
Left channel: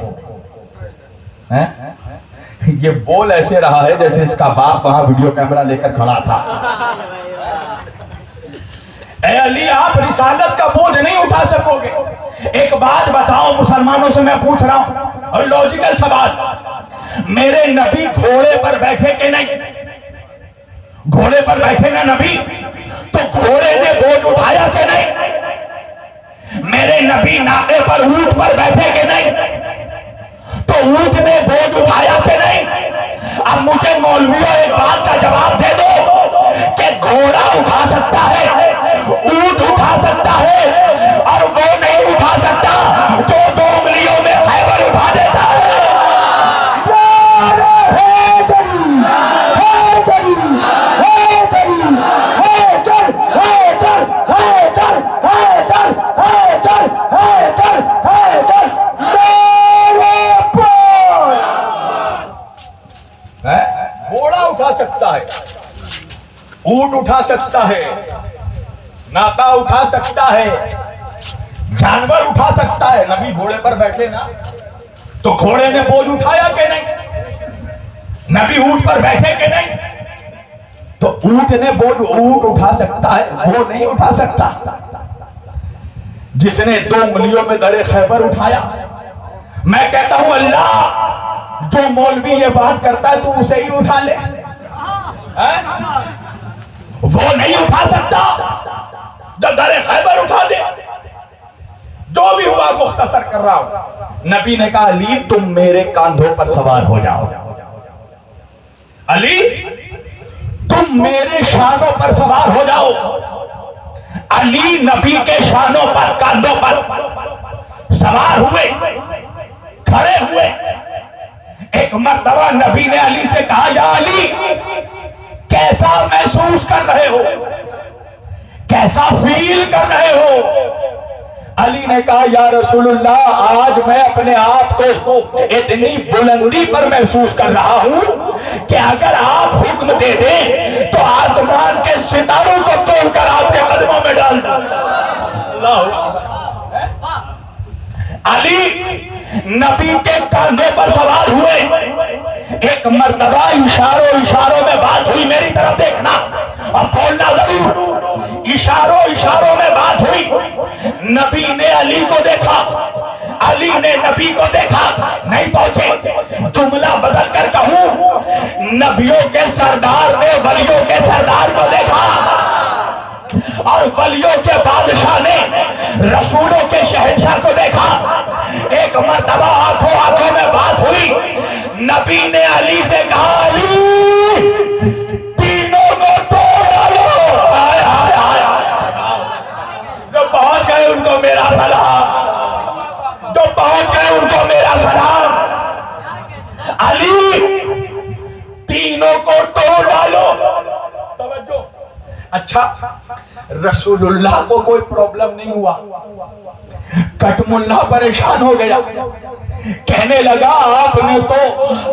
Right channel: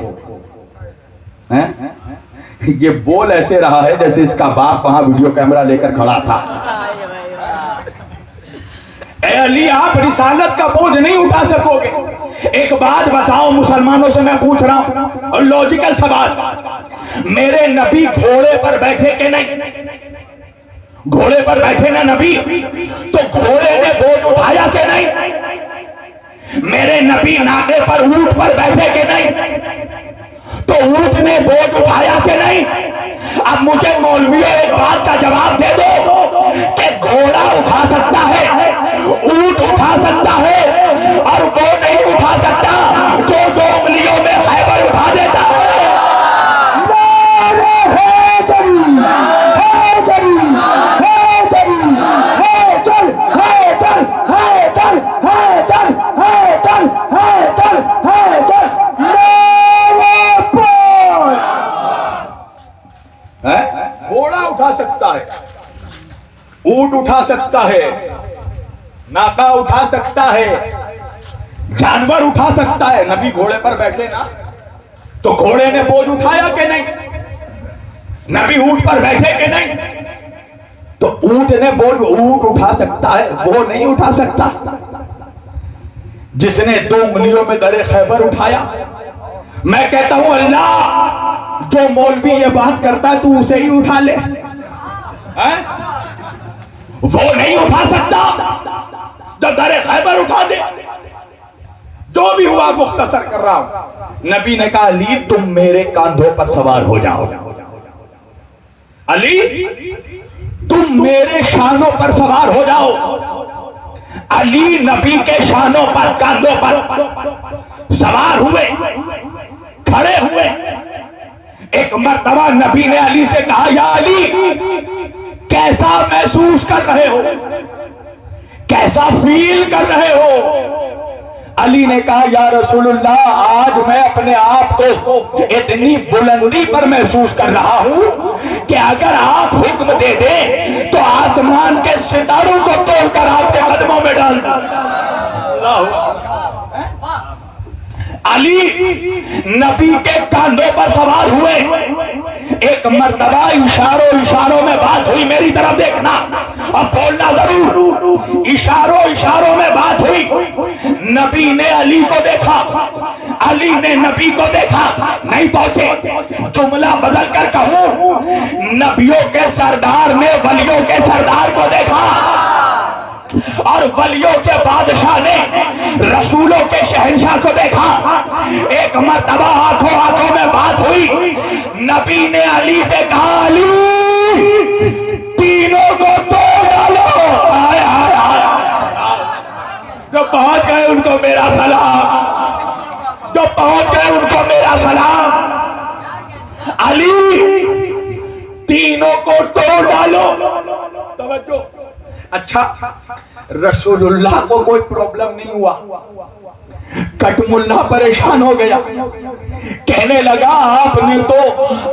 یہ بول ایسے رہا ہے جیسے اس کا باپ وہاں ویڈیو کیمرہ لے کر کھڑا تھا. اے علی آپ رسالت کا بوجھ نہیں اٹھا سکو گے. ایک بات بتاؤ مسلمانوں سے میں پوچھ رہا ہوں، اور لوجیکل سوال، میرے نبی گھوڑے پر بیٹھے کہ نہیں؟ گھوڑے پر بیٹھے نا نبی، تو گھوڑے نے بوجھ اٹھایا کہ نہیں؟ میرے نبی ناقے پر اونٹ پر بیٹھے کہ نہیں؟ تو اونٹ نے بوجھ اٹھایا کہ نہیں؟ اب مجھے مولویوں ایک بات کا جواب دے دو کہ گھوڑا اٹھا سکتا ہے، اونٹ اٹھا سکتا ہے، اور وہ نہیں اٹھا سکتا جو 2 انگلیوں میں خیبر اٹھا دیتا ہے. گھوڑا اٹھا سکتا ہے، اونٹ اٹھا سکتا ہے، ناکا اٹھا سکتا ہے، جانور اٹھا سکتا ہے. نبی گھوڑے پر بیٹھے نا، تو گھوڑے نے بوجھ اٹھایا کہ نہیں؟ نبی اونٹ پر بیٹھے کہ نہیں؟ تو اونٹ نے بوجھ، اونٹ اٹھا سکتا ہے، وہ نہیں اٹھا سکتا. جس نے 2 انگلیوں میں در خیبر اٹھایا. میں کہتا ہوں اللہ، جو مولوی یہ بات کرتا ہے تو اسے ہی اٹھا لے. وہ نہیں اٹھا سکتا جو در خیبر اٹھا دے. جو بھی ہوا مختصر کر رہا ہوں. نبی نے کہا علی تم میرے کاندھوں پر سوار ہو جاؤ. علی تم میرے شانوں پر سوار ہو جاؤ. علی نبی کے شانوں پر، کاندھوں پر سوار ہوئے، کھڑے ہوئے. ایک مرتبہ نبی نے علی سے کہا یا علی کیسا محسوس کر رہے ہو، کیسا فیل کر رہے ہو؟ علی نے کہا یا رسول اللہ آج میں اپنے آپ کو اتنی بلندی پر محسوس کر رہا ہوں کہ اگر آپ حکم دے دیں تو آسمان کے ستاروں کو توڑ کر آپ کے قدموں میں ڈال دوں. علی نبی کے کاندھوں پر سوار ہوئے. ایک مرتبہ اشاروں میں بات ہوئی، میری طرف دیکھنا اور بولنا ضرور. اشاروں میں بات ہوئی. نبی نے علی کو دیکھا، علی نے نبی کو دیکھا، نہیں پہنچے. جملہ بدل کر کہوں، نبیوں کے سردار نے ولیوں کے سردار کو دیکھا، اور ولیوں کے بادشاہ نے رسولوں کے شہنشاہ کو دیکھا. ایک مرتبہ آنکھوں میں بات ہوئی. نبی نے علی سے کہا علی تینوں کو توڑ ڈالو. جو پہنچ گئے ان کو میرا سلام، جو پہنچ گئے ان کو میرا سلام. علی تینوں کو توڑ ڈالو. توجہ. اچھا رسول اللہ کو کوئی پرابلم نہیں ہوا. کٹم اللہ پریشان ہو گیا، کہنے لگا آپ نے تو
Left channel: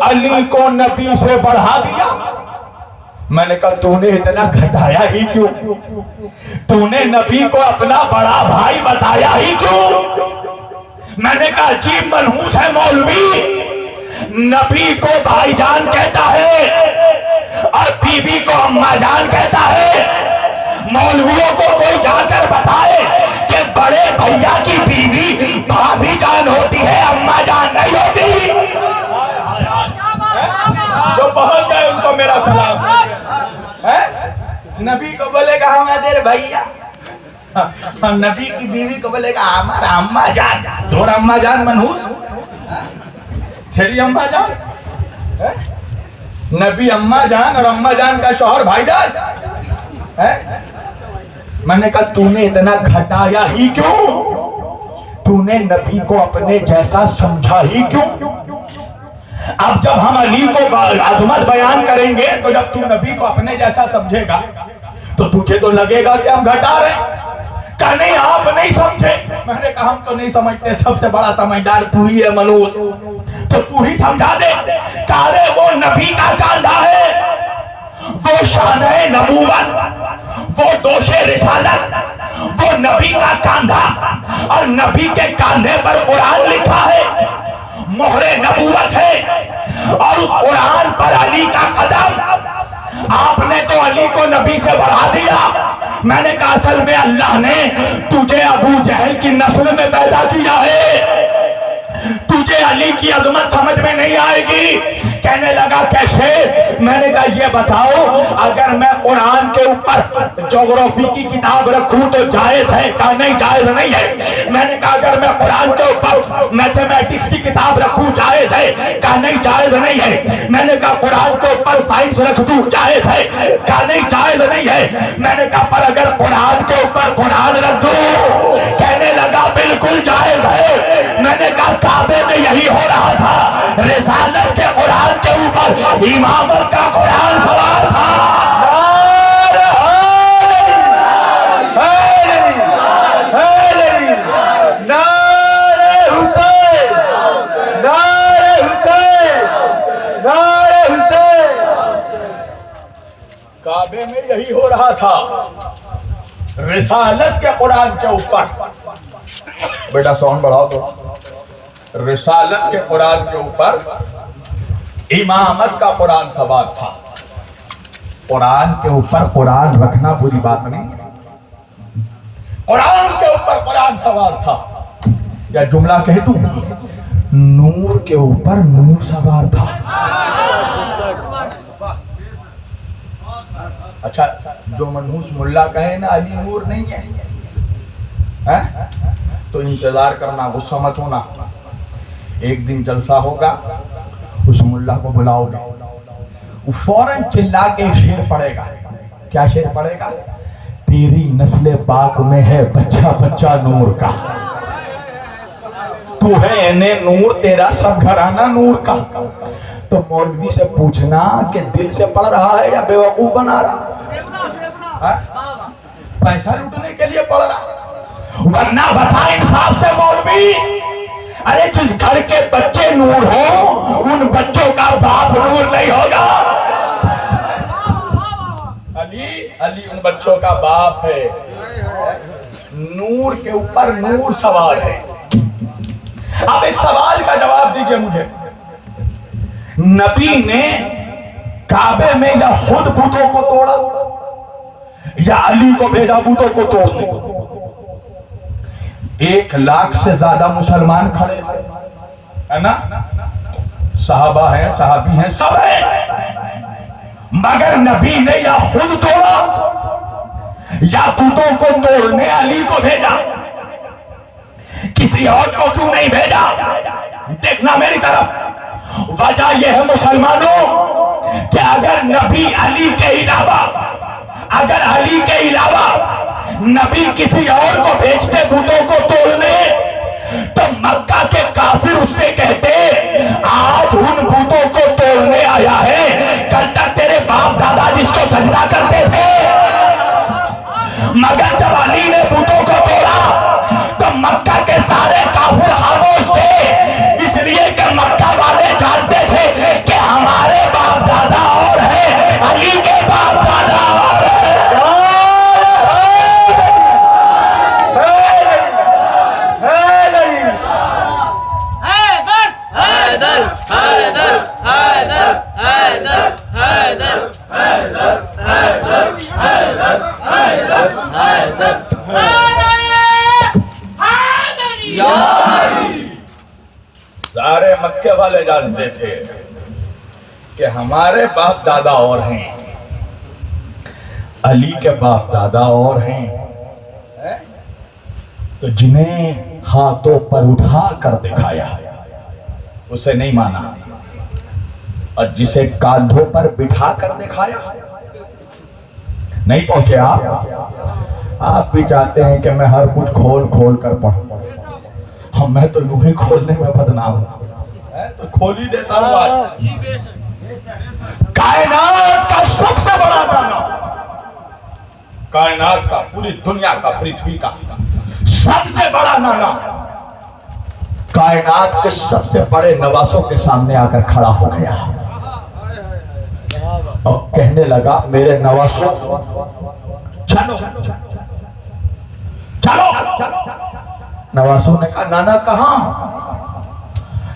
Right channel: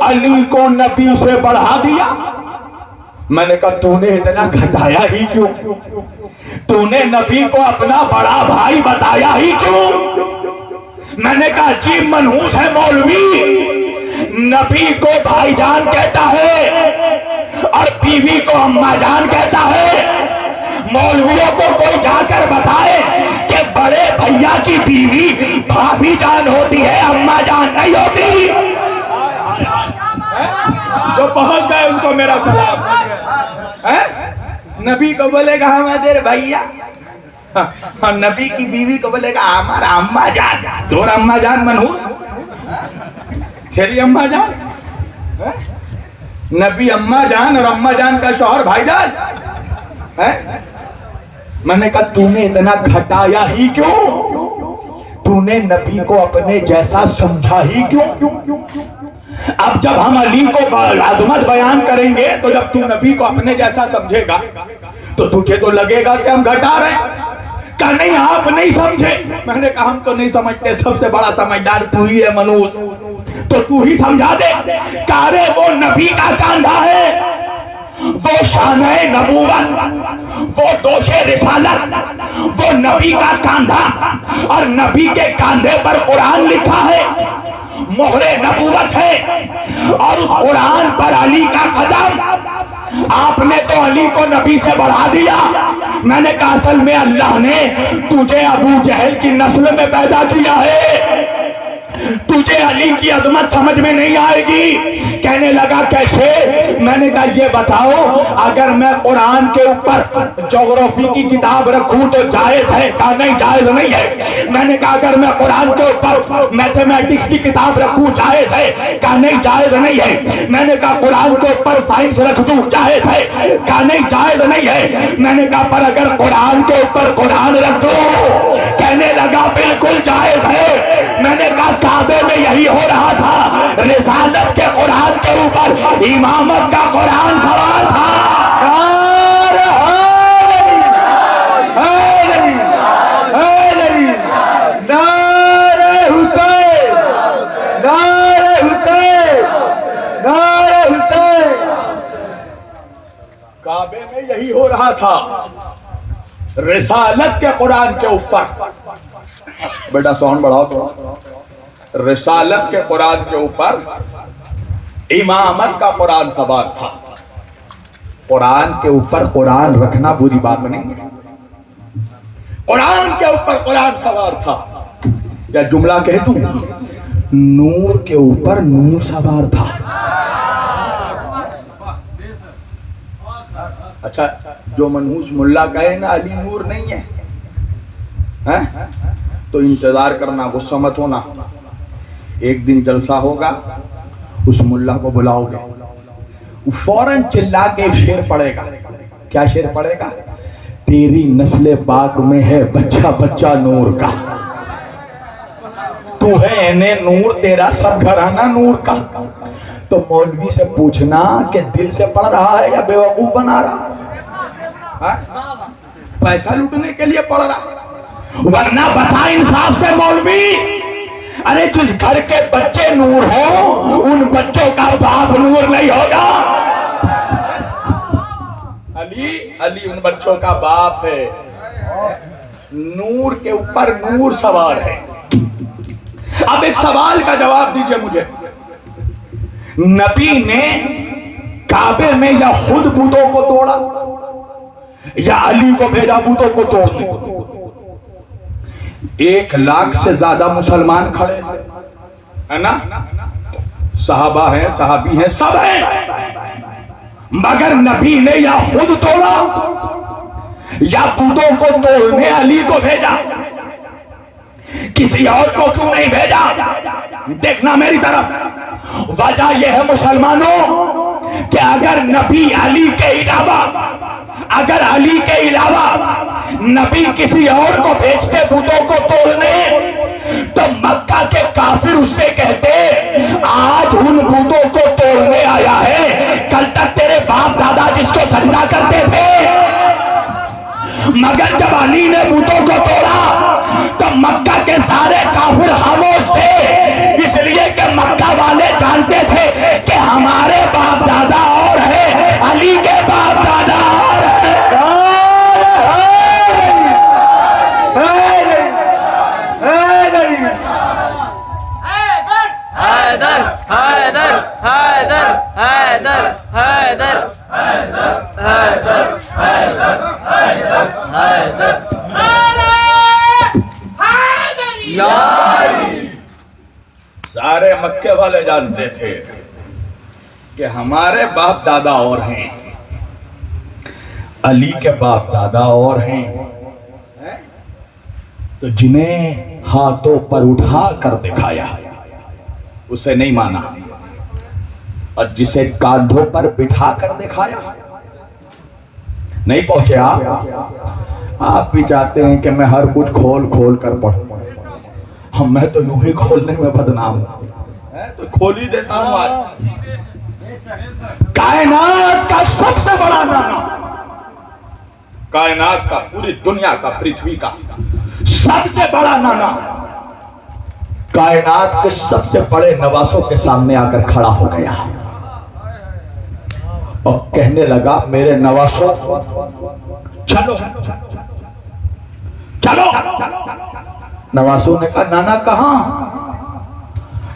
علی کو نبی سے بڑھا دیا. میں نے کہا تو نے اتنا گھٹایا ہی کیوں؟ تو نے نبی کو اپنا بڑا بھائی بتایا ہی کیوں؟ میں نے کہا عجیب منحوس ہے مولوی، نبی کو بھائی جان کہتا ہے اور بیوی کو اماں جان کہتا ہے. مولویوں کو کوئی جا کر بتائے کہ بڑے بھیا کی بیوی بھابھی جان ہوتی ہے، اماں جان نہیں ہوتی. جو پہنچ گئے ان کو میرا سلام. نبی کو بولے گا ہمارے بھیا، اور نبی کی بیوی کو بولے گا ہمارا اماں جان. دونوں اماں جان منحوس. شری اماں جان، نبی اماں جان اور اماں جان کا شوہر بھائی جان. میں نے کہا تو نے اتنا گھٹایا ہی کیوں؟ تو نے نبی کو اپنے جیسا سمجھا ہی کیوں؟ اب جب ہم علی کو عظمت بیان کریں گے تو جب تو نبی کو اپنے جیسا سمجھے گا تو تجھے تو لگے گا کہ ہم گھٹا رہے ہیں. کہا نہیں آپ نہیں سمجھے. میں نے کہا ہم تو نہیں سمجھتے, سب سے بڑا سمجھدار تو ہی ہے منوس, تو ہی سمجھا دے. کہا رے وہ نبی کا کاندھا ہے, وہ شانہ نبوت, وہ دوش رسالت, وہ نبی کا کاندھا, اور نبی کے کاندھے پر قرآن لکھا ہے, مہر نبوت ہے, اور اس قرآن پر علی کا قدم. آپ نے تو علی کو نبی سے بڑھا دیا. میں نے کہا اصل میں اللہ نے تجھے ابو جہل کی نسل میں پیدا کیا ہے, تجھے علی کی عظمت سمجھ میں نہیں آئے گی. کہنے لگا کیسے؟ میں نے کہا یہ بتاؤ اگر میں قرآن کے اوپر جغرافی کی کتاب رکھوں تو جائز ہے؟ کہا نہیں جائز نہیں ہے. میں نے کہا اگر میں قرآن کے اوپر میتھمیٹکس کی کتاب رکھوں جائز ہے؟ کہا نہیں جائز نہیں ہے. میں نے کہا قرآن کے اوپر سائنس رکھ دوں جائز ہے؟ کہا نہیں جائز نہیں ہے. میں نے کہا پر اگر قرآن کے اوپر قرآن رکھ دو, کہنے لگا بالکل جائز ہے. میں نے کہا کعبے میں یہی ہو رہا تھا, رسالت کے قرآن کے اوپر امامت کا قرآن سوار تھا. کعبے میں یہی ہو رہا تھا, رسالت کے قرآن کے اوپر. بیٹا ساؤنڈ بڑھاؤ. رسالت کے قرآن کے اوپر امامت کا قرآن سوار تھا. قرآن کے اوپر قرآن رکھنا بری بات نہیں ہے, قرآن کے اوپر قرآن سوار تھا. یا جملہ کہہ دوں, نور کے اوپر نور سوار تھا. اچھا جو منحوس ملا کہے نا علی نور نہیں ہے تو انتظار کرنا, غصہ مت ہونا. ایک دن جلسہ ہوگا, اس ملا کو بلاؤ گے, وہ فوراً چلا کے ایک شعر پڑھے گا. کیا شعر پڑھے گا؟ تیری نسل پاک میں ہے بچہ بچہ نور کا, تو ہے انہیں نور, تیرا سب گھرانہ نور کا. تو مولوی سے پوچھنا کہ دل سے پڑھ رہا ہے یا بیوقوف بنا رہا, پیسہ لوٹنے کے لیے پڑھ رہا, ورنہ بتا انصاف سے مولوی. ارے جس گھر کے بچے نور ہو ان بچوں کا باپ نور نہیں ہوگا. علی ان بچوں کا باپ ہے, نور کے اوپر نور سوار ہے. اب ایک سوال کا جواب دیجئے مجھے, نبی نے کعبے میں یا خود بتوں کو توڑا یا علی کو بھیجا بتوں کو توڑنے کو؟ 1 لاکھ سے زیادہ مسلمان کھڑے تھے, ہے نا, صحابہ ہیں, صحابی ہیں, سب ہیں, مگر نبی نے یا خود توڑا یا بتوں کو توڑنے علی کو بھیجا. کسی اور کو کیوں نہیں بھیجا؟ دیکھنا میری طرف. وجہ یہ ہے مسلمانوں کہ اگر نبی علی کے علاوہ, اگر علی کے علاوہ نبی کسی اور کو بھیجتے بتوں کو توڑنے تو مکہ کے کافر اس سے کہتے آج ان بتوں کو توڑنے آیا ہے, کل تک تیرے باپ دادا جس کو سجدہ کرتے تھے. مگر جب علی نے بتوں کو توڑا تو مکہ کے سارے کافر خاموش تھے, اس لیے کہ مکہ والے جانتے تھے کہ ہمارے باپ دادا اور ہیں, علی کے باپ دادا اور حیدر حیدر حیدر حیدر حیدر حیدر حیدر حیدر سارے مکے والے جانتے تھے کہ ہمارے باپ دادا اور ہیں, علی کے باپ دادا اور ہیں. تو جنہیں ہاتھوں پر اٹھا کر دکھایا اسے نہیں مانا, اور جسے کاندھوں پر بٹھا کر دکھایا نہیں پہنچے. آپ بھی چاہتے ہیں کہ میں ہر کچھ کھول کھول کر پڑھوں, میں تو یوں ہی کھولنے میں بدنام ہوں، تو کھول ہی دیتا ہوں آج۔ کائنات کا سب سے بڑا نانا، کائنات کا، پوری دنیا کا، پرتھوی کا سب سے بڑا نانا کائنات کے سب سے بڑے نواسوں کے سامنے آ کر کھڑا ہو گیا اور کہنے لگا میرے نواسوں چلو چلو۔ نواسوں نے کہا نانا کہاں؟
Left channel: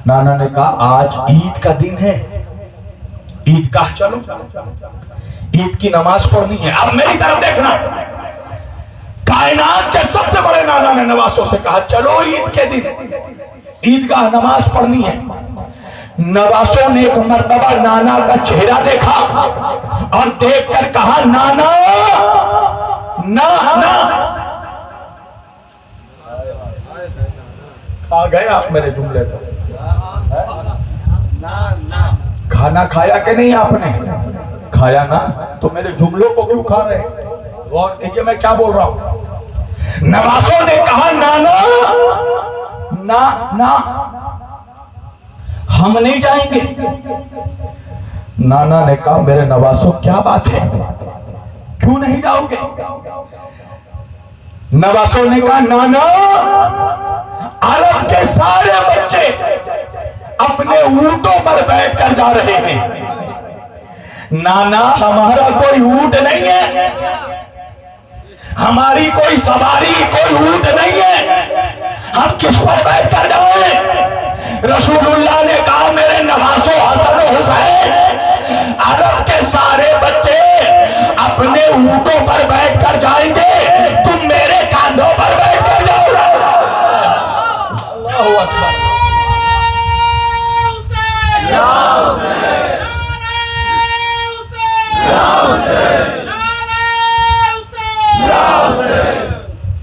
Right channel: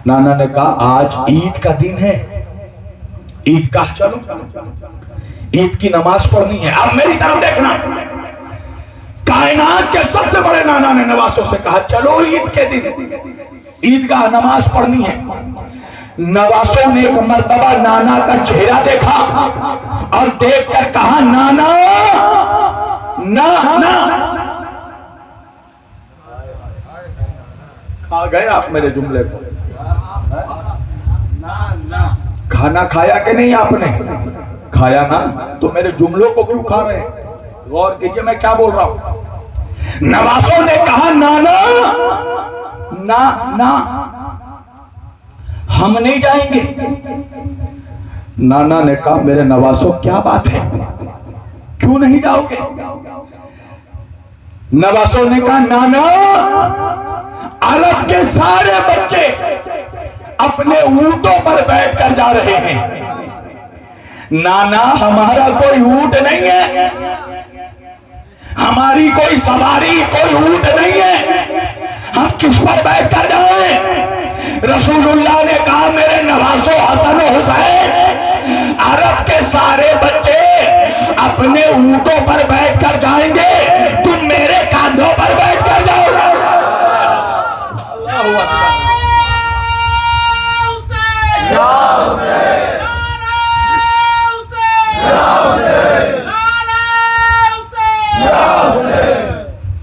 نانا نے کہا آج عید کا دن ہے، عید گاہ چلو، عید کی نماز پڑھنی ہے۔ اب میری طرف دیکھنا، کائنات کے سب سے بڑے نانا نے نواسوں سے کہا چلو عید کے دن عید گاہ نماز پڑھنی ہے۔ نواسوں نے ایک مرتبہ نانا کا چہرہ دیکھا اور دیکھ کر کہا نانا نانا۔ کھا گئے آپ میرے جملے کو؟ کھانا کھایا کہ نہیں آپ نے؟ کھایا نا، تو میرے جملوں کو کیوں کھا رہے؟ غور کیجئے میں کیا بول رہا ہوں۔ نواسوں نے کہا نانا نا نا ہم نہیں جائیں گے۔ نانا نے کہا میرے نواسوں کیا بات ہے، کیوں نہیں جاؤ گے؟ نواسوں نے کہا نانا عرب کے سارے بچے اپنے اونٹوں پر بیٹھ کر جا رہے ہیں، نانا ہمارا کوئی اونٹ نہیں ہے، ہماری کوئی سواری، کوئی اونٹ نہیں ہے، ہم کس پر بیٹھ کر جائیں؟ رسول اللہ نے کہا میرے نواسوں حسن و حسین عرب کے سارے بچے اپنے اونٹوں پر بیٹھ کر جائیں گے، تم میرے کاندھوں پر بیٹھ کر جاؤ گے۔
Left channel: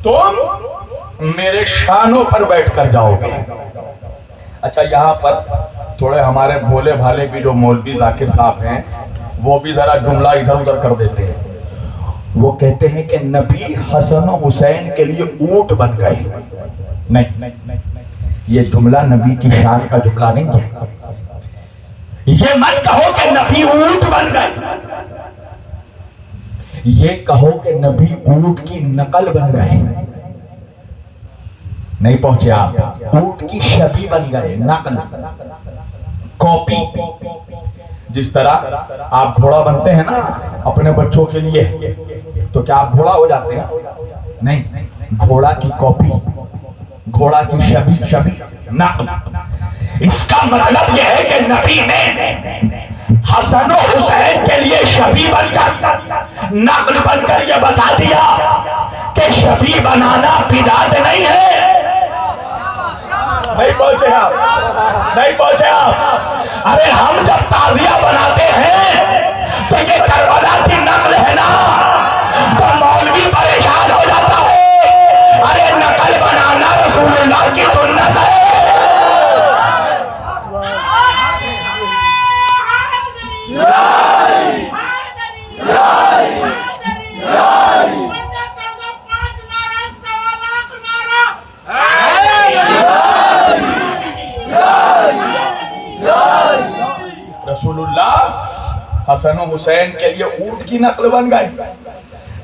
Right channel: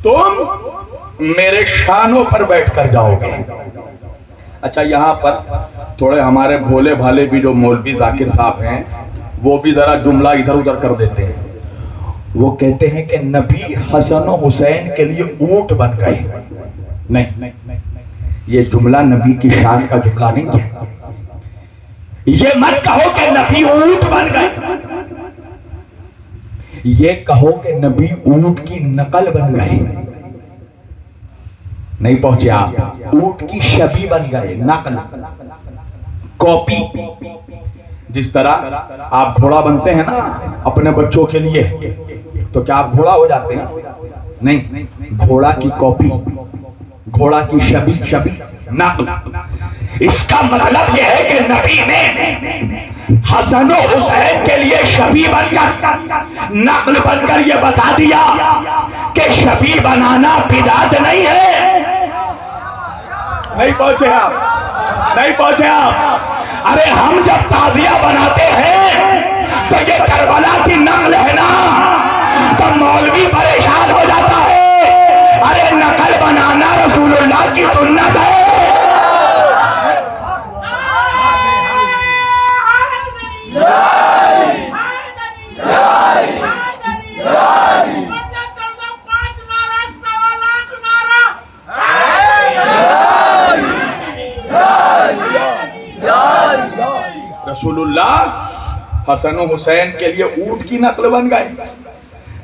تم میرے شانوں پر بیٹھ کر جاؤ گے۔ اچھا یہاں پر تھوڑے ہمارے بھولے بھالے بھی جو مولوی ذاکر صاحب ہیں وہ بھی ذرا جملہ ادھر ادھر کر دیتے ہیں۔ وہ کہتے ہیں کہ نبی حسن و حسین کے لیے اونٹ بن گئے۔ نہیں، یہ جملہ نبی کی شان کا جملہ نہیں ہے۔ یہ مت کہو کہ نبی اونٹ بن گئے، یہ کہو کہ نبی اونٹ کی نقل بن گئے۔ نہیں پہنچے آپ، اونٹ کی شبیہ بن گئے، نقل، کاپی۔ جس طرح آپ گھوڑا بنتے ہیں نا اپنے بچوں کے لیے، تو کیا آپ گھوڑا ہو جاتے ہیں؟ نہیں، گھوڑا کی کاپی، گھوڑا کی شبیہ، نقل۔ اس کا مطلب یہ ہے کہ نبی نے حسن و حسین کے لیے شبیہ بن کر، نقل بن کر یہ بتا دیا کہ شبیہ بنانا بدعت نہیں ہے۔ نہیں پہنچے آپ، نہیں پہنچے آپ۔ ارے ہم جب تعزیہ بناتے ہیں تو یہ کربلا کی نقل ہے نا، تو مولوی پریشان ہو جاتا ہے۔ ارے نقل بنانا رسول اللہ کی سنت ہے۔ رسول اللہ حسن و حسین کے لیے اونٹ کی نقل بن گئے،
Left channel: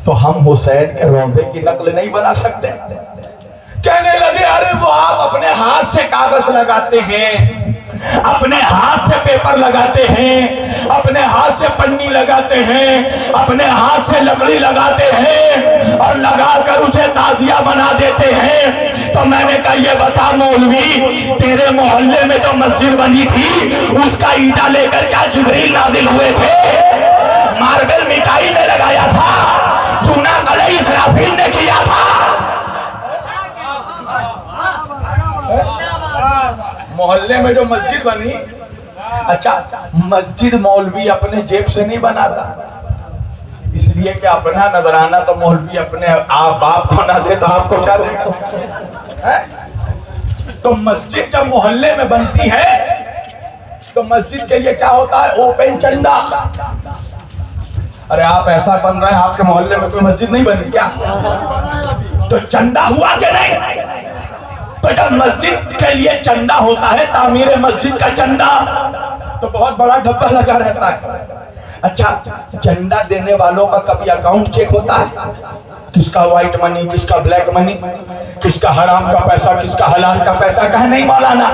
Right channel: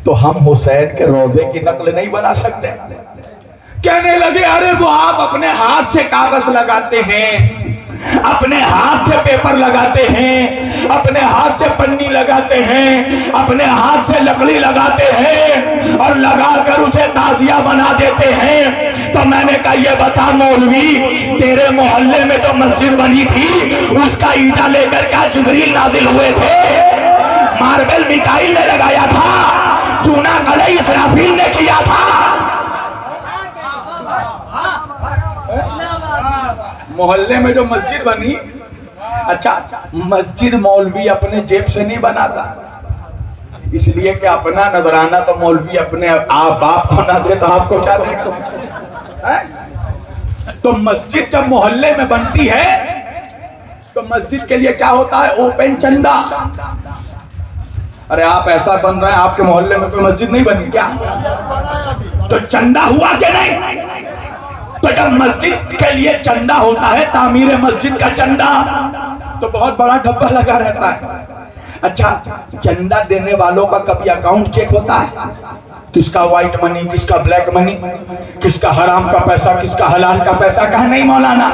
تو ہم حسین کے روضے کی نقل نہیں بنا سکتے؟ کہنے لگے ارے وہ آپ اپنے ہاتھ سے کاغذ لگاتے ہیں، اپنے ہاتھ سے پیپر لگاتے ہیں، اپنے ہاتھ سے پنی لگاتے ہیں، اپنے ہاتھ سے لکڑی لگاتے ہیں اور لگا کر اسے تعزیہ بنا دیتے ہیں۔ تو میں نے کہا یہ بتا مولوی، تیرے محلے میں جو مسجد بنی تھی اس کا اینٹا لے کر کیا جبریل نازل ہوئے تھے؟ ماربل میکائیل نے لگایا تھا، چونا قلعہ اسرافیل نے کیا تھا۔ محلے میں جو مسجد بنی، اچھا مسجد مولوی اپنے جیب سے نہیں بناتا، اس لیے کہ اپنا نذرانہ تو مولوی اپنے آپ باپ کو نہ دے تو آپ کو کیا دے گا؟ تو مسجد جب محلے میں بنتی ہے تو مسجد کے لیے کیا ہوتا ہے؟ اوپن چندہ۔ ارے آپ ایسا بن رہے ہیں، آپ کے محلے میں کوئی مسجد نہیں بنی کیا؟ تو چندہ ہوا کہ نہیں؟ تو جب مسجد کے لیے چندہ ہوتا ہے، تعمیر مسجد کا چندہ، تو بہت بڑا ڈبہ لگا رہتا ہے۔ اچھا، چندہ دینے والوں کا کبھی اکاؤنٹ چیک ہوتا ہے؟ کس کا وائٹ منی، کس کا بلیک منی، کس کا حرام کا پیسہ، کس کا حلال کا پیسہ؟ کہا نہیں مولانا،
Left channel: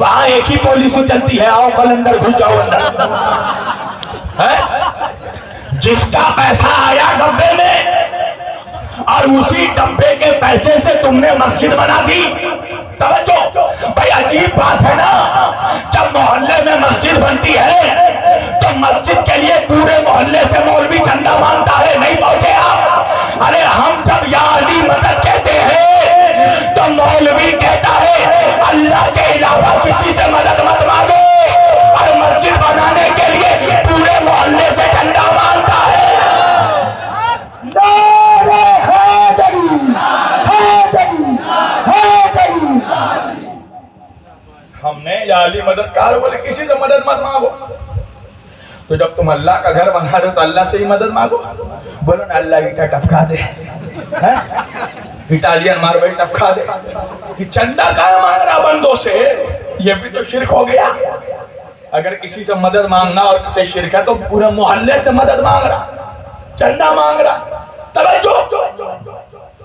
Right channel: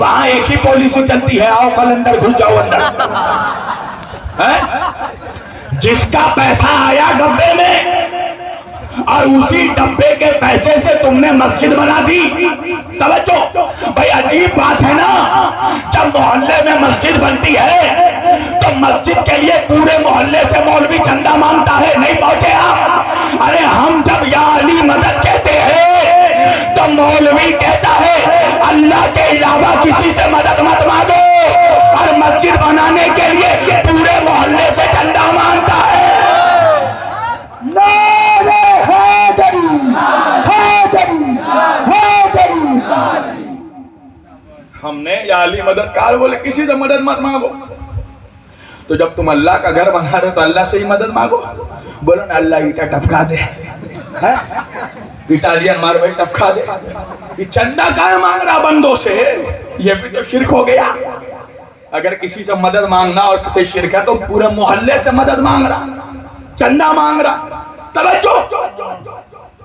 وہاں ایک ہی پالیسی چلتی ہے، آؤ کل اندر گھس جاؤ اندر۔ جس کا پیسہ آیا ڈبے میں اور اسی ڈبے کے پیسے سے تم نے مسجد بنا دی۔ توجہ بھائی، عجیب بات ہے نا، جب محلے میں مسجد بنتی ہے تو مسجد کے لیے پورے محلے سے مولوی چندہ مانگتا ہے، نہیں پہنچے آپ؟ ارے ہم جب یا علی مدد کہتے ہیں تو مولوی کہتا ہے اللہ کے علاوہ کسی سے مدد مت مانگو، اور مسجد بنانے کے لیے پورے محلے سے چندہ مانگتا ہے۔ ہم نے یا علی مددگار بولے کسی سے مدد مت مانگو، تو جب تم اللہ کا گھر بنا رہے تو اللہ سے ہی مدد مانگو۔ بولو نا اللہ ایٹا ٹپکا دے، اٹالین ماربل ٹپکا دے۔ یہ چندہ کہاں مانگ رہا بندوں سے؟ یہ بھی تو شرک ہو گیا۔ اگر کسی سے مدد مانگنا اور کسی شرک ہے تو پورے محلے سے مدد مانگ رہا، چندہ مانگ رہا۔ توجہ،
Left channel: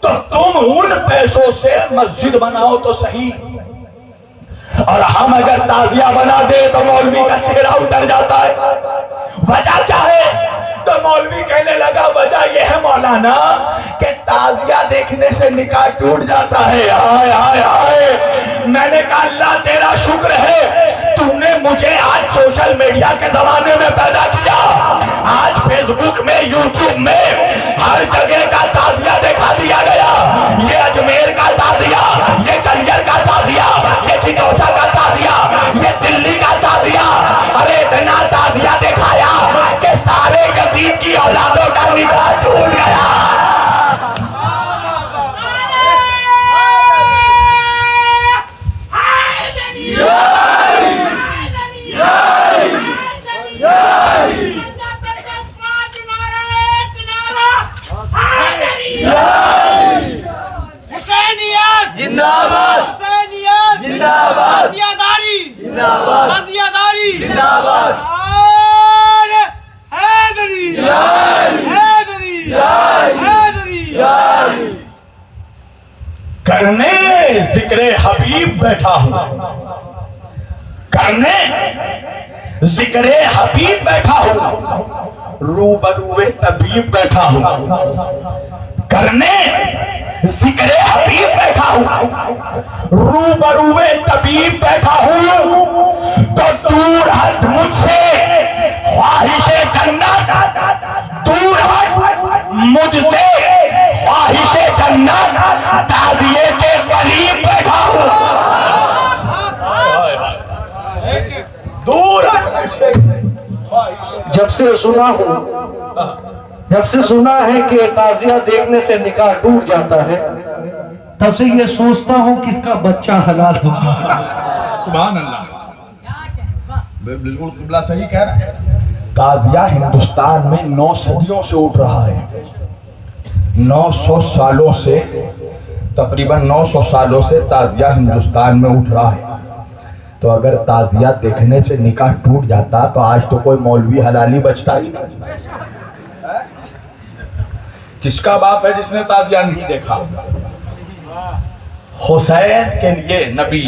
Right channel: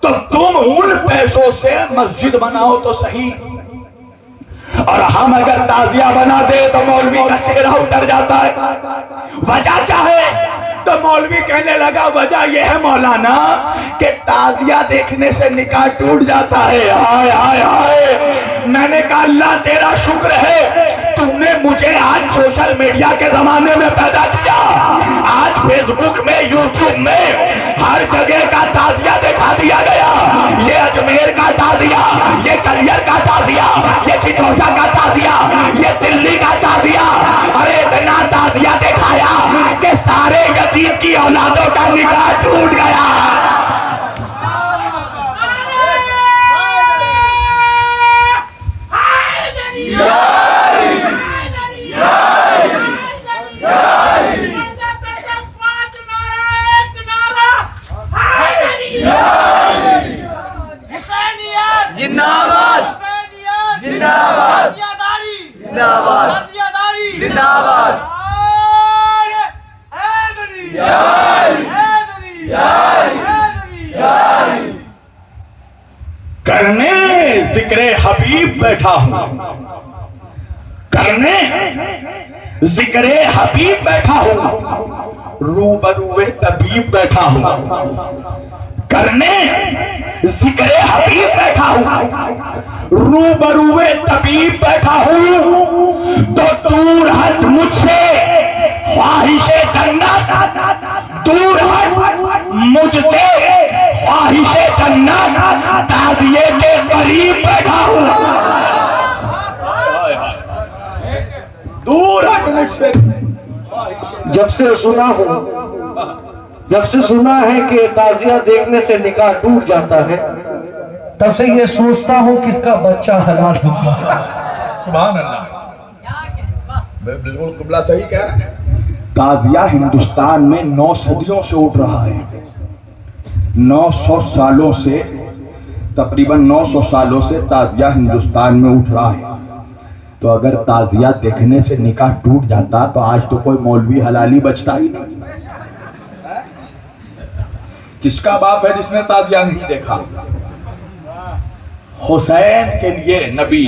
تو تم ان پیسوں سے مسجد بناؤ تو صحیح، اور ہم اگر تعزیہ بناتے تو مولوی کا چہرہ اتر جاتا ہے۔ وجہ کیا ہے؟ تو مولوی کہنے لگا وجہ یہ ہے مولانا کہ تعزیہ دیکھنے سے نکاح ٹوٹ جاتا ہے۔ ہائے ہائے ہائے، میں نے کہا اللہ تیرا شکر ہے تم نے مجھے آج سوشل میڈیا کے زمانے میں پیدا کیا۔ آج فیس بک میں، یوٹیوب میں ہر جگہ کا تعزیہ دکھا دیا گیا۔ یہ اجمیر کا تعزیہ، یہ کلیر کا تعزیہ، یہ چچوچا کا تعزیہ، یہ دلی کا تعزیہ۔ ارے اتنا تعزیہ دکھایا کہ سارے یزید کی اولادوں کا نکاح ٹوٹ گیا۔ زندہ باد، زندہ باد، زندہ باد، زندہ باد۔ کرنے ذکر حبیب بیٹھا ہوں، کرنے ذکر حبیب بیٹھا ہوں، روبروے طبیب بیٹھا ہوں۔ کرنے ذکر حبیب بیٹھا ہوں، روبروے طبیب بیٹھا ہوں، تو دور ہٹ مجھ سے خواہش جنت، دور ہٹ مجھ سے خواہش جنت، تعزیے کے قریب بیٹھا ہوں۔ دور ہٹ مجھ سے۔ جب سے سنا ہوں، جب سے سنا ہے کہ تعزیہ دیکھنے سے نکاح ٹوٹ جاتا ہے، تب سے یہ سوچتا ہوں کس کا بچہ حلال ہے۔ سبحان اللہ، بالکل قبلہ صحیح کہہ رہا ہے۔ تعزیہ ہندوستان میں 9 صدیوں سے اٹھ رہا ہے، 900 سالوں سے، تقریباً 900 سالوں سے تعزیہ ہندوستان میں اٹھ رہا ہے۔ تو اگر تعزیہ دیکھنے سے نکاح ٹوٹ جاتا تو آج تو کوئی مولوی حلالی بچتا ہی نہیں۔ کس کا باپ ہے جس نے تعزیہ نہیں دیکھا؟ حسین کے لیے نبی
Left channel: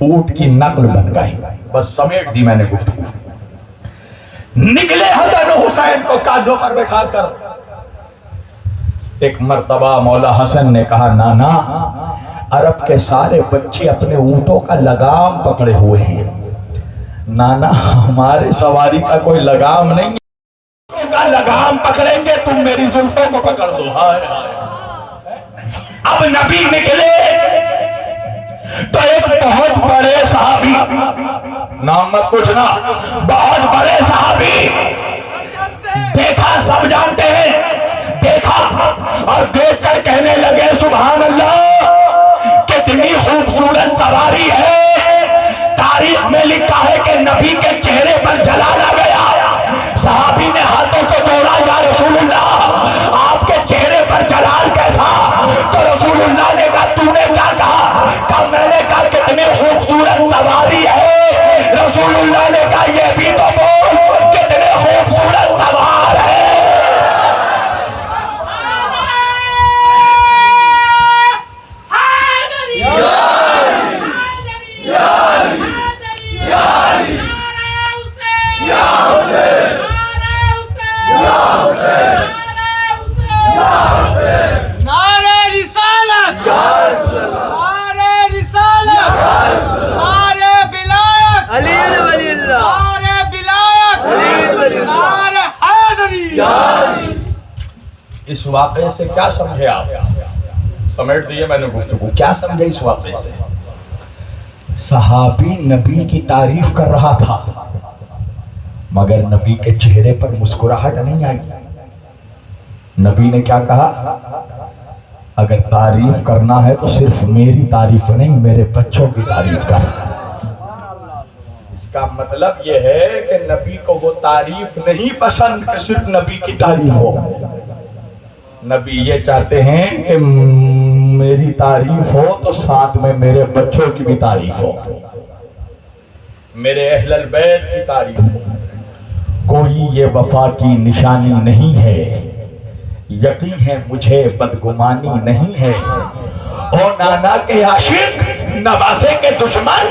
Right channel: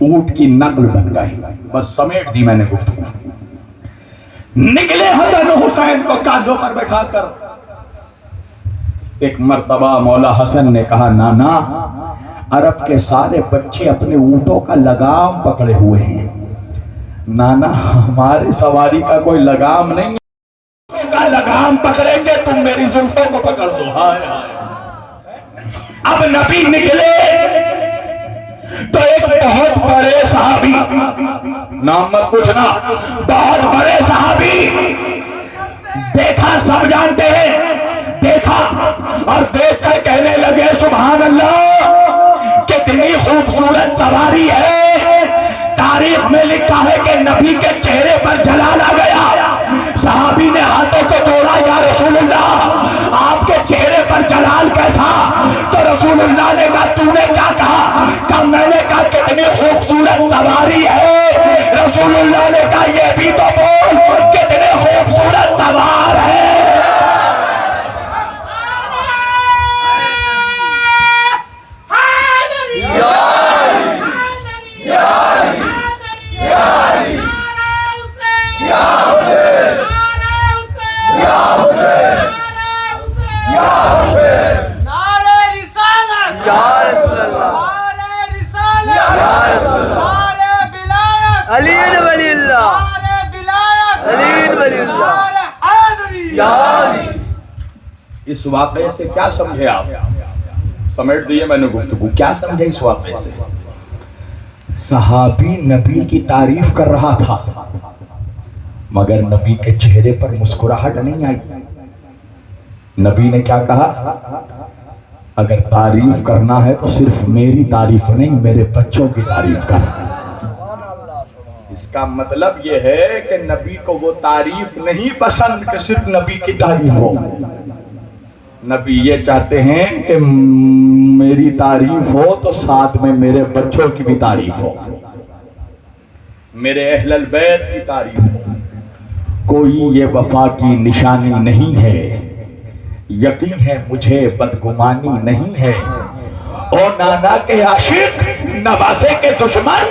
اونٹ کی نقل بن گئی۔ بس سمیٹ دی میں نے گفتگو۔ نکلے حسن حسین کو کاندھوں پر بٹھا کر۔ ایک مرتبہ مولا حسن نے کہا نانا، عرب کے سارے بچے اپنے اونٹوں کا لگام پکڑے ہوئے ہیں، نانا ہمارے سواری کا کوئی لگام نہیں ہے، کا لگام پکڑیں گے، تم میری زلفوں کو پکڑ دو۔ ہائے ہائے۔ اب نبی نکلے تو ایک بہت بڑے صحابی، نام مت پوچھنا، بہت بڑے صحابی، دیکھا سب جانتے ہیں، دیکھا اور دیکھ کر کہنے لگے سبحان اللہ، کتنی خوبصورت سواری ہے۔ تاریخ میں لکھا ہے کہ نبی کے چہرے پر جلال آ گیا۔ صحابی نے ہاتھوں کو جوڑا، یا رسول اللہ آپ کے چہرے پر جلال کیسا؟ تو رسول اللہ نے کہا تو نے کیا کہا؟ کہ میں نے کتنے خوبصورت سواری ہے، رسول اللہ نے کہا یہ بھی تو بول کتنے خوبصورت سوار ہے۔ علی ولی اللہ، علی ولی اللہ، یا علی۔ اس واقعے سے کیا سمجھے آپ؟ سمیٹ دیے میں نے گفتگو، کیا سمجھے اس واقعے سے؟ صحابی نبی کی تعریف کر رہا تھا مگر نبی کے چہرے پر مسکراہٹ نہیں آئی۔ نبی نے کیا کہا؟ اگر تعریف کرنا ہے تو صرف میری تعریف نہیں، میرے بچوں کی تعریف کرنا۔ اس کا مطلب یہ ہے کہ نبی کو وہ تعریف نہیں پسند کہ صرف نبی کی تعریف ہو۔ نبی یہ چاہتے ہیں کہ میری تعریف ہو تو ساتھ میں میرے بچوں کی بھی تعریف ہو، میرے اہل البیت کی تعریف ہو۔ کوئی یہ وفا کی نشانی نہیں ہے، یقین ہے مجھے بدگمانی نہیں ہے، اور نانا کے عاشق نواسے کے دشمن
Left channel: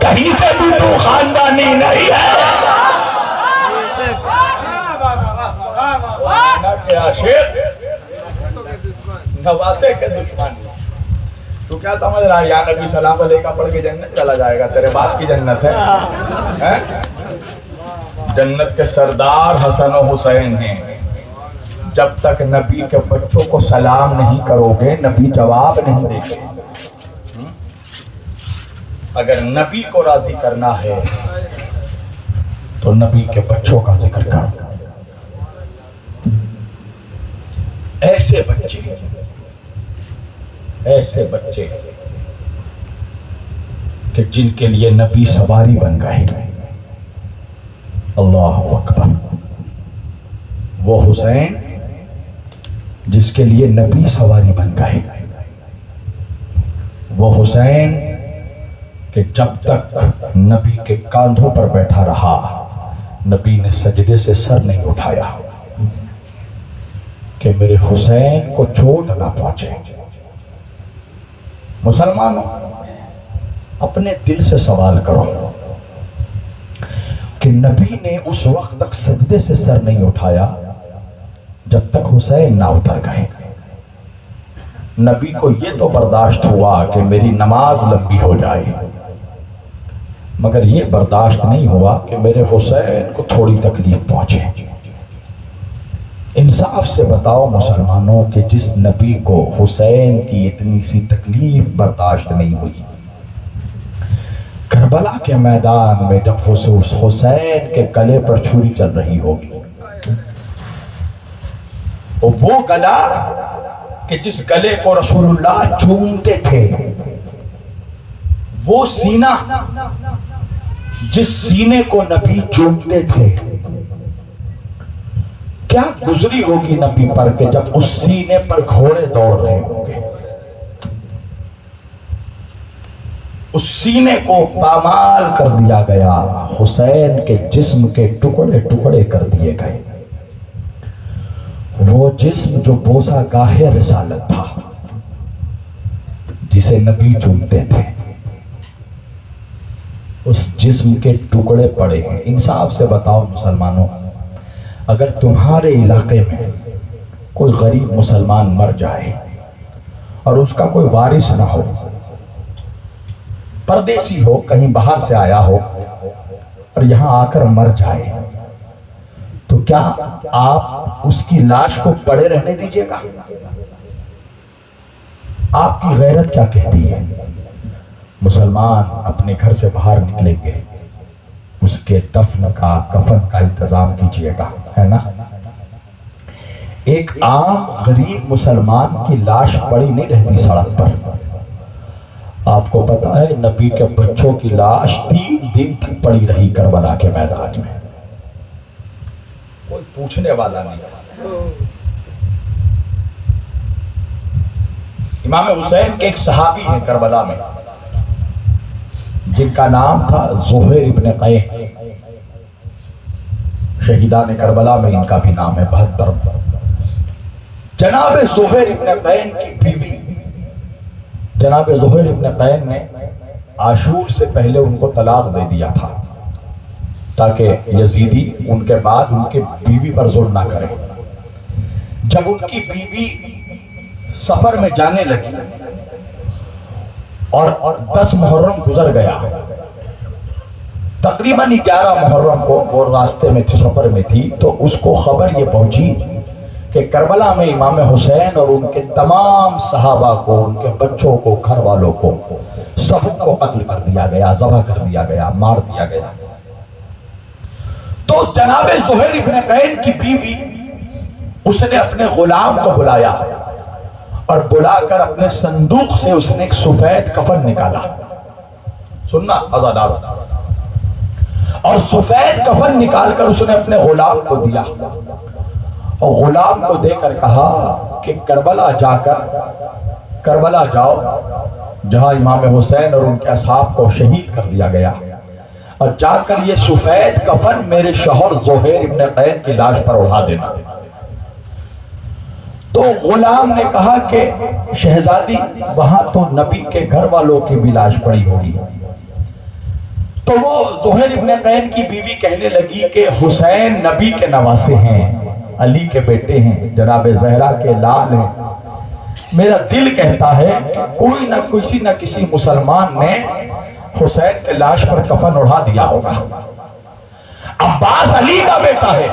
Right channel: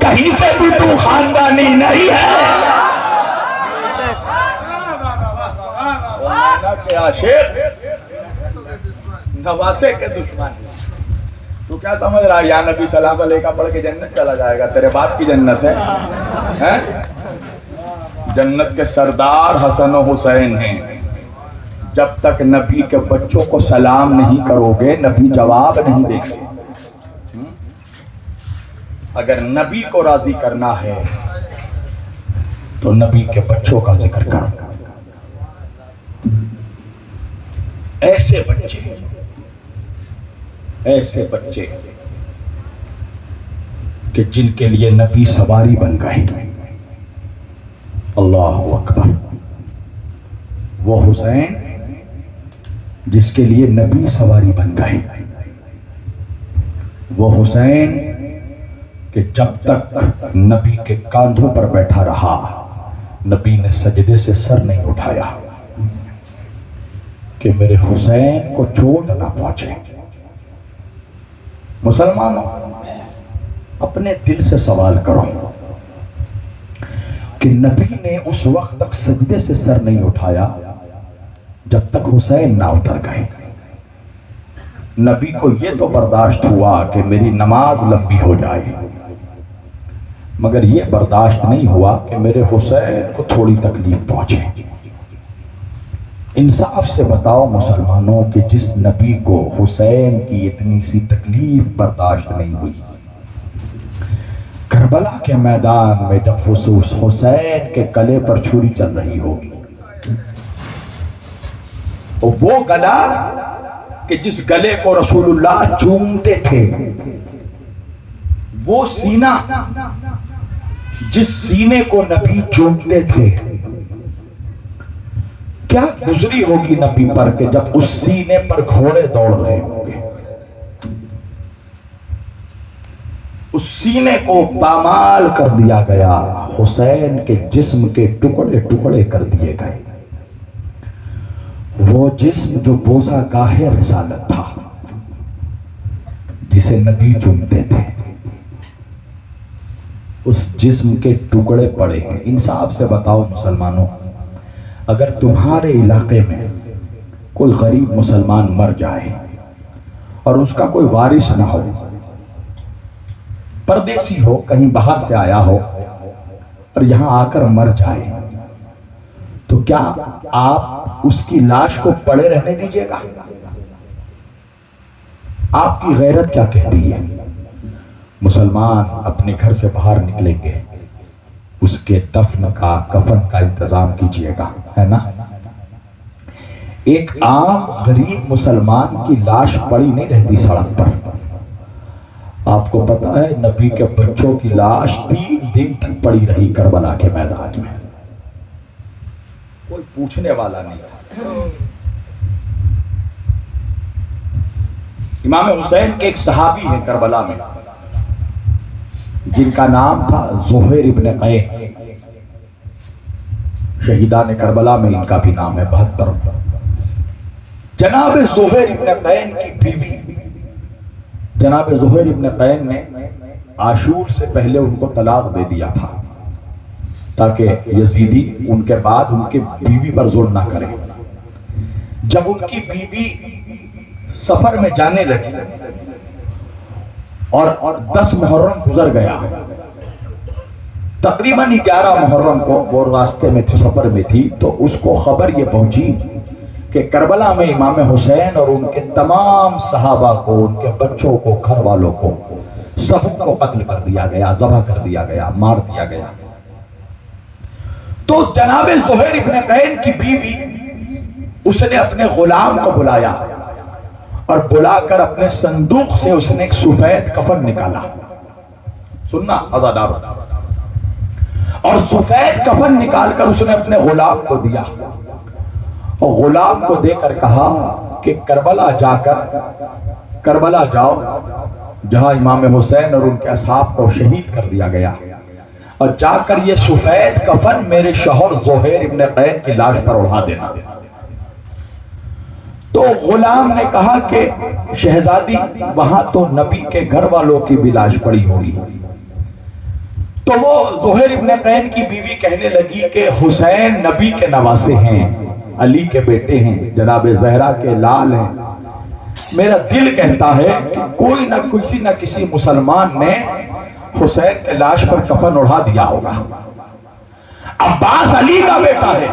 کہیں سے بھی تو خاندانی نہیں ہے۔ نانا کے عاشق نواسے کے دشمن، تو کیا سمجھ رہا ہے یا نبی سلام علیکہ پڑھ کے جنت چلا جائے گا؟ تیرے باپ کی جنت ہے۔ جنت کے سردار حسن و حسین ہیں، جب تک نبی کے بچوں کو سلام نہیں کرو گے نبی جواب نہیں دیں گے۔ اگر نبی کو راضی کرنا ہے تو نبی کے بچوں کا ذکر کرو۔ ایسے بچے کہ جن کے لیے نبی سواری بن گئے۔ اللہ اکبر۔ وہ حسین جس کے لیے نبی سواری بن گئے، وہ حسین کہ جب تک نبی کے کاندھوں پر بیٹھا رہا نبی نے سجدے سے سر نہیں اٹھایا کہ میرے حسین کو چوٹ نہ پہنچے۔ مسلمانوں، اپنے دل سے سوال کرو کہ نبی نے اس وقت تک سجدے سے سر نہیں اٹھایا جب تک حسین نہ اتر گئے۔ نبی کو یہ تو برداشت ہوا کہ میری نماز لمبی ہو جائے، مگر یہ برداشت نہیں ہوا کہ میرے حسین کو تھوڑی تکلیف پہنچے۔ انصاف سے بتاؤ مسلمانوں کہ جس نبی کو حسین کی اتنی سی تکلیف برداشت نہیں ہوئی، کربلا کے میدان میں جب حسین کے گلے پر چھری چل رہی ہوگی، وہ گلا کہ جس گلے کو رسول اللہ چومتے تھے، وہ سینہ جس سینے کو نبی چومتے تھے، کیا گزری ہوگی نبی پر کہ جب اس سینے پر گھوڑے دوڑ رہے ہوں گے؟ اس سینے کو پامال کر دیا گیا، حسین کے جسم کے ٹکڑے ٹکڑے کر دیے گئے۔ وہ جسم جو بوسہ گاہ رسالت تھا، جسے نبی چومتے تھے، اس جسم کے ٹکڑے پڑے ہیں۔ انصاف سے بتاؤ مسلمانوں، اگر تمہارے علاقے میں کوئی غریب مسلمان مر جائے اور اس کا کوئی وارث نہ ہو، پردیسی ہو، کہیں باہر سے آیا ہو اور یہاں آ کر مر جائے، تو کیا آپ اس کی لاش کو پڑے رہنے دیجیے گا؟ آپ کی غیرت کیا کہتی ہے؟ مسلمان اپنے گھر سے باہر نکلیں گے، اس کے دفن کا، کفن کا انتظام کیجیے گا، ہے نا؟ ایک عام غریب مسلمان کی لاش پڑی نہیں رہتی سڑک پر۔ آپ کو پتا ہے نبی کے بچوں کی لاش 3 دن تک پڑی رہی کربلا کے میدان میں، کوئی پوچھنے والا نہیں تھا۔ امام حسین کے ایک صحابی ہیں کربلا میں، جن کا نام تھا زہیر ابن قین، شہیدان کربلا میں ان کا بھی نام ہے 72۔ جناب زہیر ابن قین کی بیوی، جناب زہیر ابن قین نے عاشور سے پہلے ان کو طلاق دے دیا تھا تاکہ یزیدی ان کے بعد ان کے بیوی پر ظلم نہ کرے۔ جب ان کی بیوی سفر میں جانے لگی اور 10 محرم گزر گیا، تقریباً 11 محرم کو وہ راستے میں سفر میں تھی، تو اس کو خبر یہ پہنچی کہ کربلا میں امام حسین اور ان کے تمام صحابہ کو، ان کے بچوں کو، گھر والوں کو، سب کو قتل کر دیا گیا، ذبح کر دیا گیا، مار دیا گیا۔ تو جناب زہیر ابن قین کی بیوی، اس نے اپنے غلام کو بلایا اور بلا کر اپنے صندوق سے اس نے ایک سفید کفن نکالا۔ سننا عزادار، اور سفید کفن نکال کر اس نے اپنے غلام کو دیا، اور غلام کو دے کر کہا کہ کربلا جاؤ جہاں امام حسین اور ان کے اصحاب کو شہید کر دیا گیا، اور جا کر یہ سفید کفن میرے شوہر زہیر ابن قین کی لاش پر اڑا دینا۔ تو غلام نے کہا کہ شہزادی، وہاں تو نبی کے گھر والوں کی بھی لاش پڑی ہوگی۔ تو وہ زہیر ابن قین کی بیوی کہنے لگی کہ حسین نبی کے نواسے ہیں، علی کے بیٹے ہیں، جناب زہرا کے لال ہیں، میرا دل کہتا ہے کہ کوئی نہ کسی مسلمان نے حسین کے لاش پر کفن اڑا دیا ہوگا۔ عباس علی کا بیٹا ہے،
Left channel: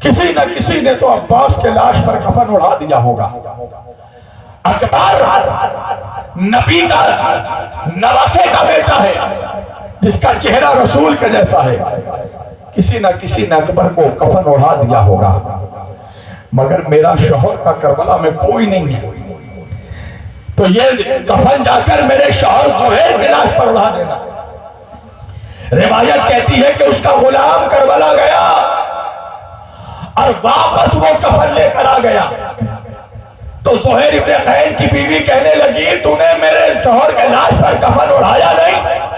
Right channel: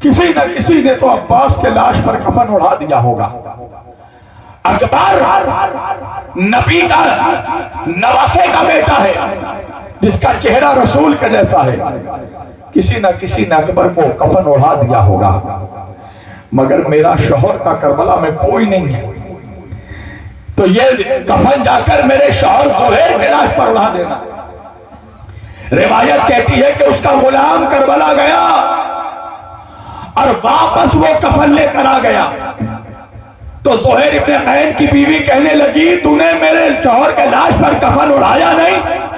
کسی نہ کسی نے تو عباس کے لاش پر کفن اڑا دیا ہوگا۔ اکبر نبی کا نواسے کا بیٹا ہے، جس کا چہرہ رسول کے جیسا ہے، کسی نہ کسی نے اکبر کو کفن اڑا دیا ہوگا، مگر میرا شوہر کا کربلا میں کوئی نہیں ہے، تو یہ کفن جا کر میرے شوہر زہیر کے لاش پر اڑا دینا۔ روایت کہتی ہے کہ اس کا غلام کربلا گیا اور واپس وہ کفن لے کر آ گیا، تو زہیر ابن قین کی بیوی کہنے لگی تو نے میرے شوہر کے لاش پر کفن اڑایا نہیں؟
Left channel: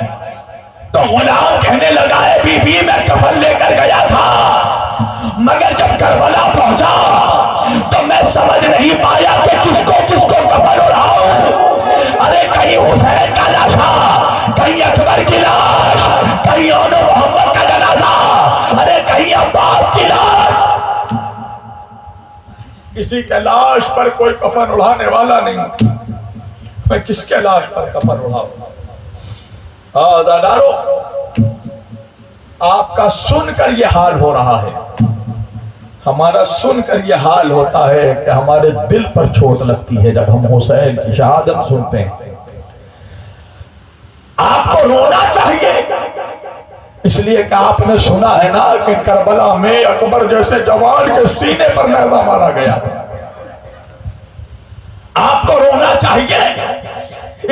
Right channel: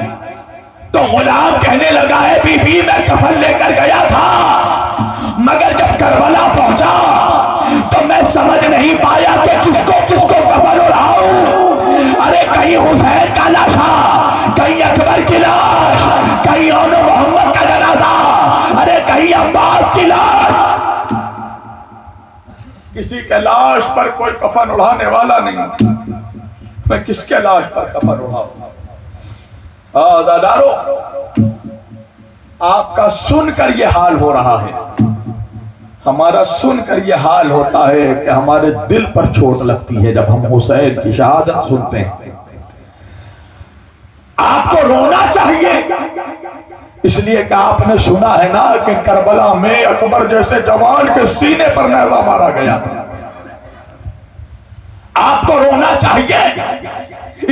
تو غلام کہنے لگا ہے بی بی میں کفن لے کر گیا تھا، مگر جب کربلا پہنچا تو میں سمجھ نہیں پایا کہ کس کو کفن اڑاؤں۔ ارے کہیں حسین کا لاش، کہیں اکبر کی لاش، کہیں اون محمد کا جنازہ، ارے کہیں عباس کی لاش، کسی کے لاش پر کوئی کفن اڑانے والا نہیں، میں کس کے لاش پر کفن اڑاؤں؟ عزادارو، آپ کا سن کر یہ حال ہو رہا ہے، ہمارا سن کر یہ حال ہوتا ہے کہ ہمارے دل پر چوٹ لگتی ہے جب ہم حسین کی شہادت سنتے ہیں۔ آپ کو رونا چاہیے، اس لیے کہ آپ نے سنا ہے نا کہ کربلا میں اکبر جیسے جوان کے سینے پر نیزہ مارا گیا تھا۔ آپ کو رونا چاہیے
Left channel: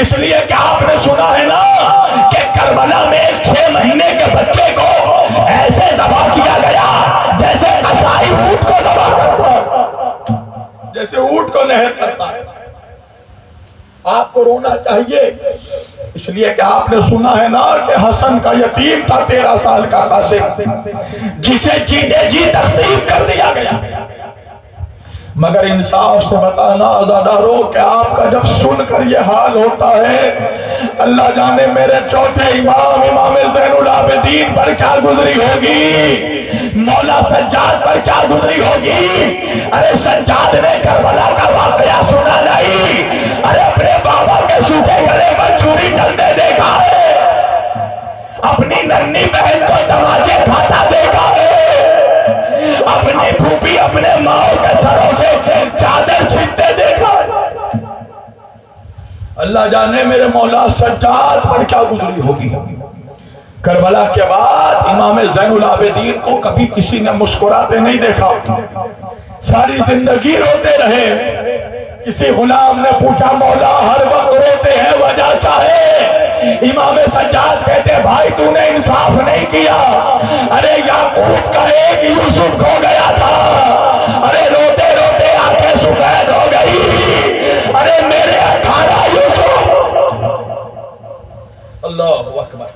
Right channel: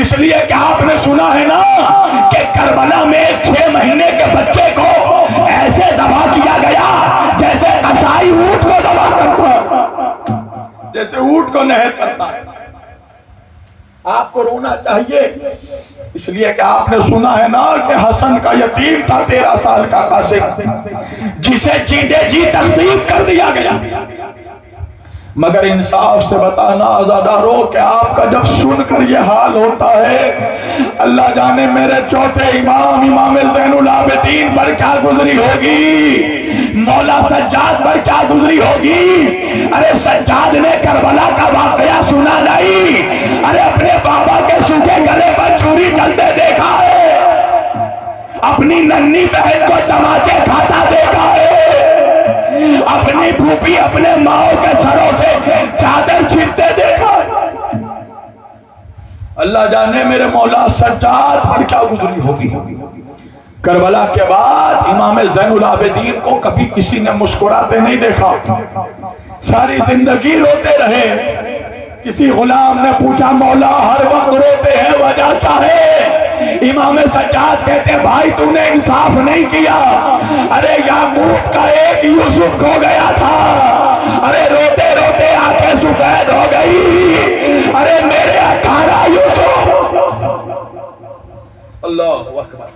اس لیے کہ آپ نے سنا ہے نا کہ کربلا میں 6 مہینے کے بچے کو ایسے ذبح کیا گیا جیسے قصائی اونٹ کو ذبح کرتا ہے، جیسے اونٹ کو نہر کرتا ہے۔ آپ کو رونا چاہیے اس لیے کہ آپ نے سنا ہے نا کہ حسن کا یتیم تھا 13 سال کا قاسم، جسے جیتے جی تقسیم کر دیا گیا۔ مگر انصاف سے بتانا عزادارو کہ آپ کا جب سن کر یہ حال ہوتا ہے، اللہ جانے میرے چوتھے امام زین العابدین پر کیا گزری ہوگی، مولا سجاد پر کیا گزری ہوگی۔ ارے سجاد نے کربلا کا واقعہ سنا نہیں، ارے اپنے بابا کے سوکھے گلے پر چوری چلتے دیکھا ہے، اپنی ننھی بہن کو تماچے کھاتا دیکھا ہے، اپنی پھوپھی اپنے ماں کے سروں سے چادر چھینتے دیکھا ہے۔ اللہ جانے میرے مولا سجاد پر کیا گزری ہوگی۔ کربلا کے بعد امام زین العابدین کو کبھی کسی نے مسکراتے نہیں دیکھا، ساری زندگی روتے رہے۔ کسی غلام نے پوچھا مولا ہر وقت روتے ہیں وجہ کیا ہے؟ امام سجاد کہتے بھائی تو نے انصاف نہیں کیا، ارے یعقوب کا ایک یوسف کھو گیا تھا، ارے روتے روتے آنکھیں سفید ہو گئی، ارے میرے 18 یوسف۔ اللہ اکبر۔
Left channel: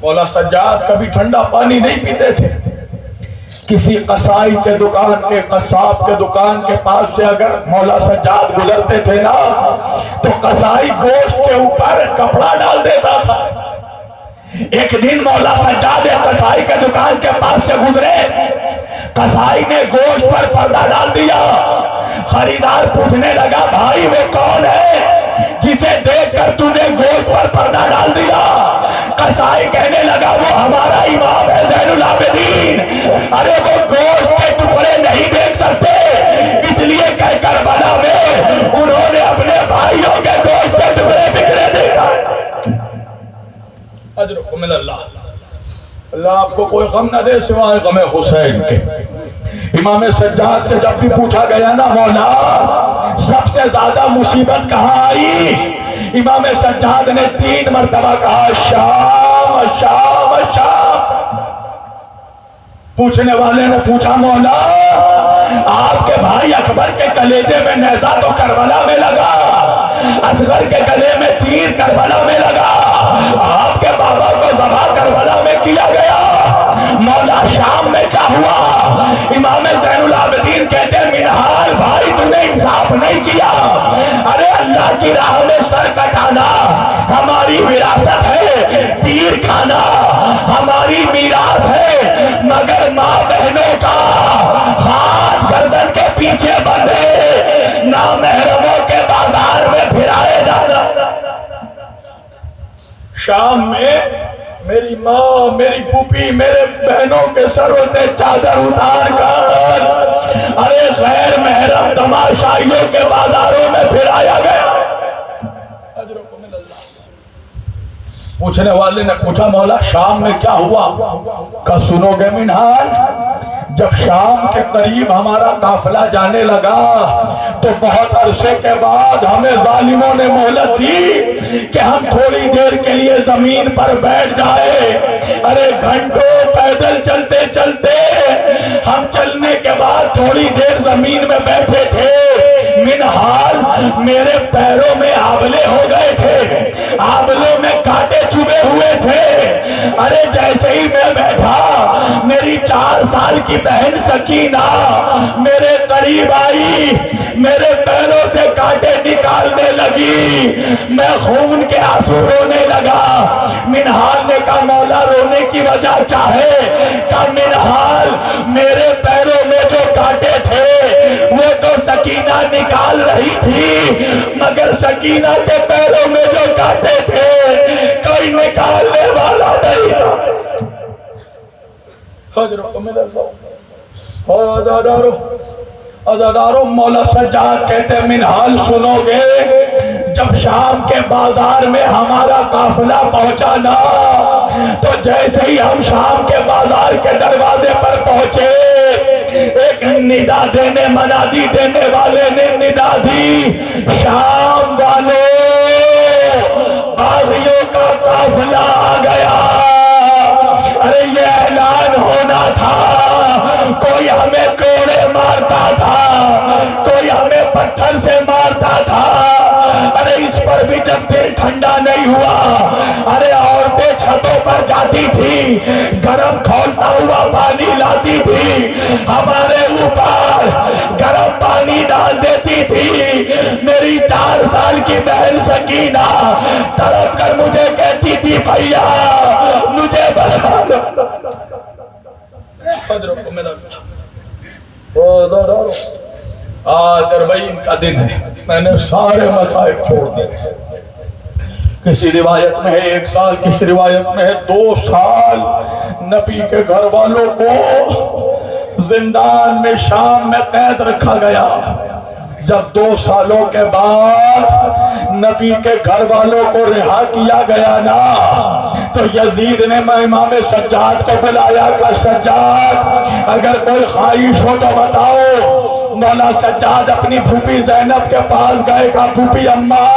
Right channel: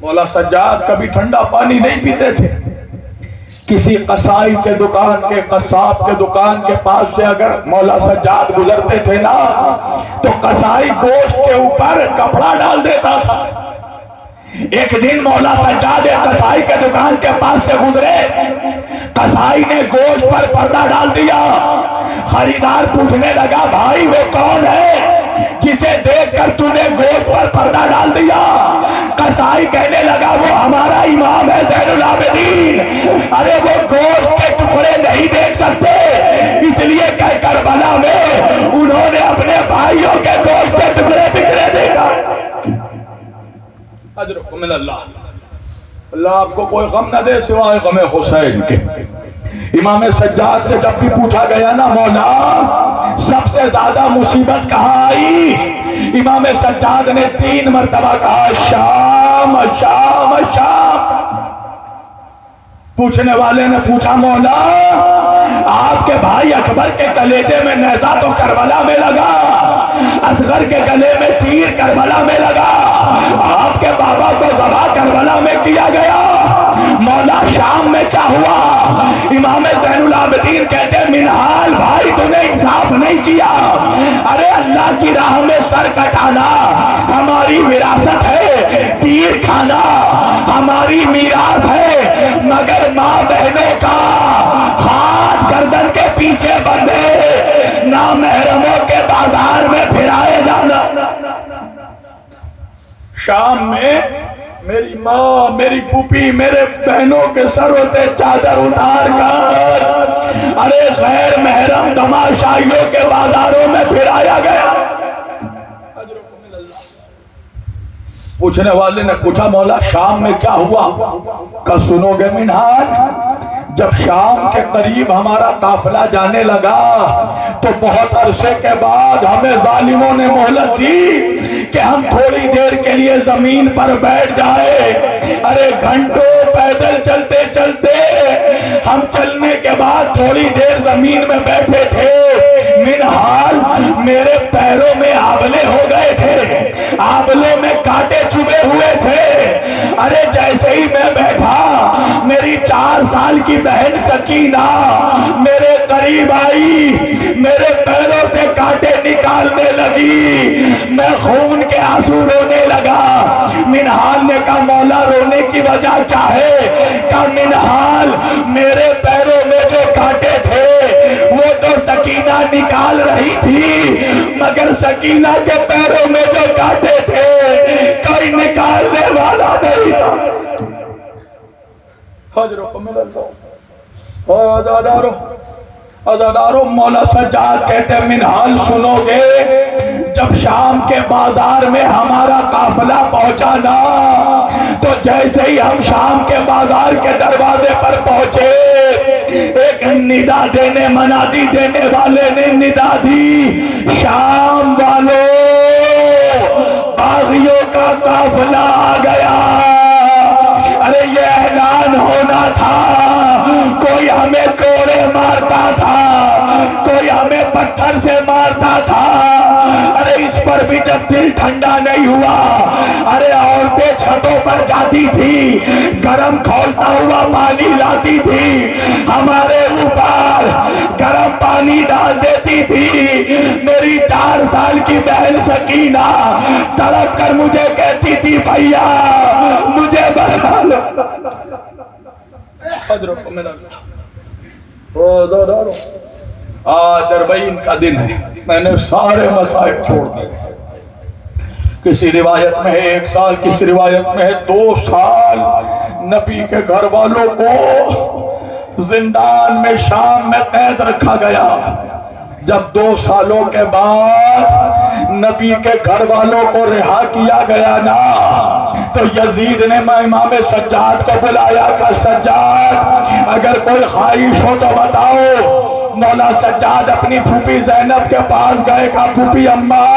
مولا سجاد کبھی ٹھنڈا پانی نہیں پیتے تھے۔ کسی قصائی کے دکان کے، قصاب کے دکان کے پاس سے اگر مولا سجاد گزرتے تھے نا تو قصائی گوشت کے اوپر کپڑا ڈال دیتا تھا۔ ایک دن مولا سجاد قصائی کے دکان کے پاس سے گزرے، قصائی نے گوشت پر پردہ ڈال دیا۔ خریدار پوچھنے لگا بھائی وہ کون ہے جسے دیکھ کر تو نے گوشت پر پردہ ڈال دیا؟ قصائی کہنے لگا وہ ہمارا امام ہے زین العابدین۔ ارے وہ گوشت کے ٹکڑے نہیں دیکھ سکتے، اس لیے کہ کربلا میں انہوں نے اپنے بھائیوں کے گوشت کے ٹکڑے بکھرے دیکھا۔ اجرکم من اللہ۔ اللہ آپ کو کوئی غم نہ دے سوائے غم حسین کے۔ امام سجاد سے جب بھی پوچھا گیا نا مولا سب سے زیادہ مصیبت کہاں آئی، امام سجاد نے 3 مرتبہ کہا شام شام شام۔ پوچھنے والے نے پوچھا مولا آپ کے بھائی اکبر کے کلیجے میں نیزہ تو کربلا میں لگا، اصغر کے گلے میں تیر کربلا میں لگا، آپ کے بابا کو ذبح کربلا میں کیا گیا، مولا شام میں کیا ہوا؟ امام زین العابدین کہتے ہیں منہال بھائی تو نے انصاف نہیں کیا۔ ارے اللہ کی راہ میں سر کٹانا ہماری وراثت ہے، تیر کھانا ہماری میراث ہے، مگر ماں بہنوں کا ہاتھ گردن کے پیچھے بندھے نامحرموں کے بازار میں پھرائے جانا۔ شام میں میری ماں میری پھوپھی میرے بہنوں کے سروں سے چادر اتار کر ارے غیر محرم تماشائیوں کے بازاروں میں پھرایا گیا۔ اجرکم من اللہ۔ پوچھنے والے نے پوچھا مولا شام میں کیا ہوا؟ کہا سنو گے منہال، جب شام کے قریب ہمارا قافلہ جانے لگا تو بہت عرصے کے بعد ہمیں ظالموں نے مہلت دی کہ ہم تھوڑی دیر کے لیے زمین پر بیٹھ جائے۔ ارے گھنٹوں پیدل چلتے چلتے ہم چلنے کے بعد تھوڑی دیر زمین میں بیٹھے تھے، منہال میرے پیروں میں آبلے ہو گئے تھے، آبلوں میں کانٹے چبھے ہوئے تھے۔ ارے جیسے ہی میں بیٹھا میری 4 سال کی بہن سکینہ میرے قریب آئی، میرے پیروں سے کانٹے نکالنے لگی، میں خون کے آنسو رونے لگا۔ منہال نے کہا مولا رونے کی وجہ کیا ہے؟ کہا منہال میرے پیروں میں جو کانٹے تھے وہ تو سکینہ نکال رہی تھی، مگر سکینہ کے پیروں میں جو کانٹے تھے کوئی نکالنے والا نہیں تھا۔ عزادارو مولا سجاد کہتے ہیں منہال سنو گے، جب شام کے بازار میں ہمارا قافلہ پہنچا نا تو جیسے ہی ہم شام کے بازار کے دروازے پر پہنچے ایک ندا دینے منادی دینے والے نے ندا دی شام والوں باغیوں کا قافلہ آ گیا۔ ارے یہ اعلان ہونا تھا، کوئی ہمیں کوڑے مارتا تھا، کوئی ہمیں پتھر سے مارتا تھا، ارے اس پر بھی جب دل ٹھنڈا نہیں ہوا، ارے عورتیں چھتوں پر جاتی تھی، گرم کھولتا ہوا پانی لاتی تھی، ہمارے اوپر گرم پانی ڈال دیتی تھی۔ میری 4 سال کی بہن سکینہ تڑپ کر مجھے کہتی تھی بھیا مجھے بچا لو۔ آج 40 کا دن ہے، میں نے سارے مسائل چھوڑ دیے۔ کسی روایت میں ہے 1 سال، کسی روایت میں ہے 2 سال نبی کے گھر والوں کو زندان میں شام میں قید رکھا گیا۔ جب 2 سالوں کے بعد نبی کے گھر والوں کو رہا کیا گیا نا تو یزید نے امام سجاد کو بلایا کہ سجاد اگر کوئی خواہش ہو تو بتاؤ۔ مولا سجاد اپنی پھوپھی زینب کے پاس گئے، کہا پھوپھی اماں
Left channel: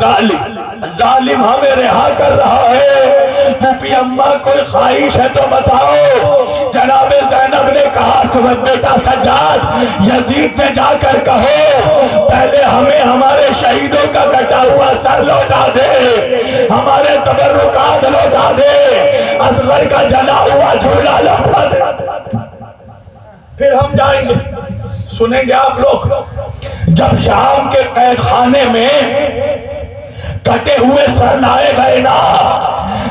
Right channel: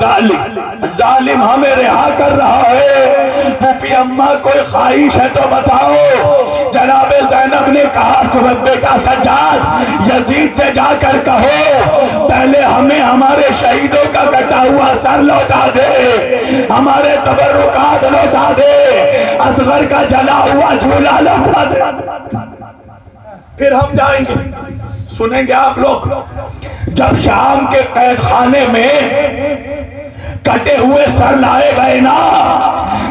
ظالم ہمیں رہا کر رہا ہے، پھوپھی اماں کوئی خواہش ہے تو بتاؤ۔ جناب زینب نے کہا بیٹا سجاد یزید سے جا کر کہو پہلے ہمیں ہمارے شہیدوں کا کٹا ہوا سر لوٹا دے، ہمارے سارے تبرکات لوٹا دے، اصغر کا جلا ہوا جھولا لوٹا دے۔ پھر ہم جائیں گے، سنیں گے آپ لوگ، جب شام کے قید خانے میں کٹے ہوئے سر لائے گئے نا،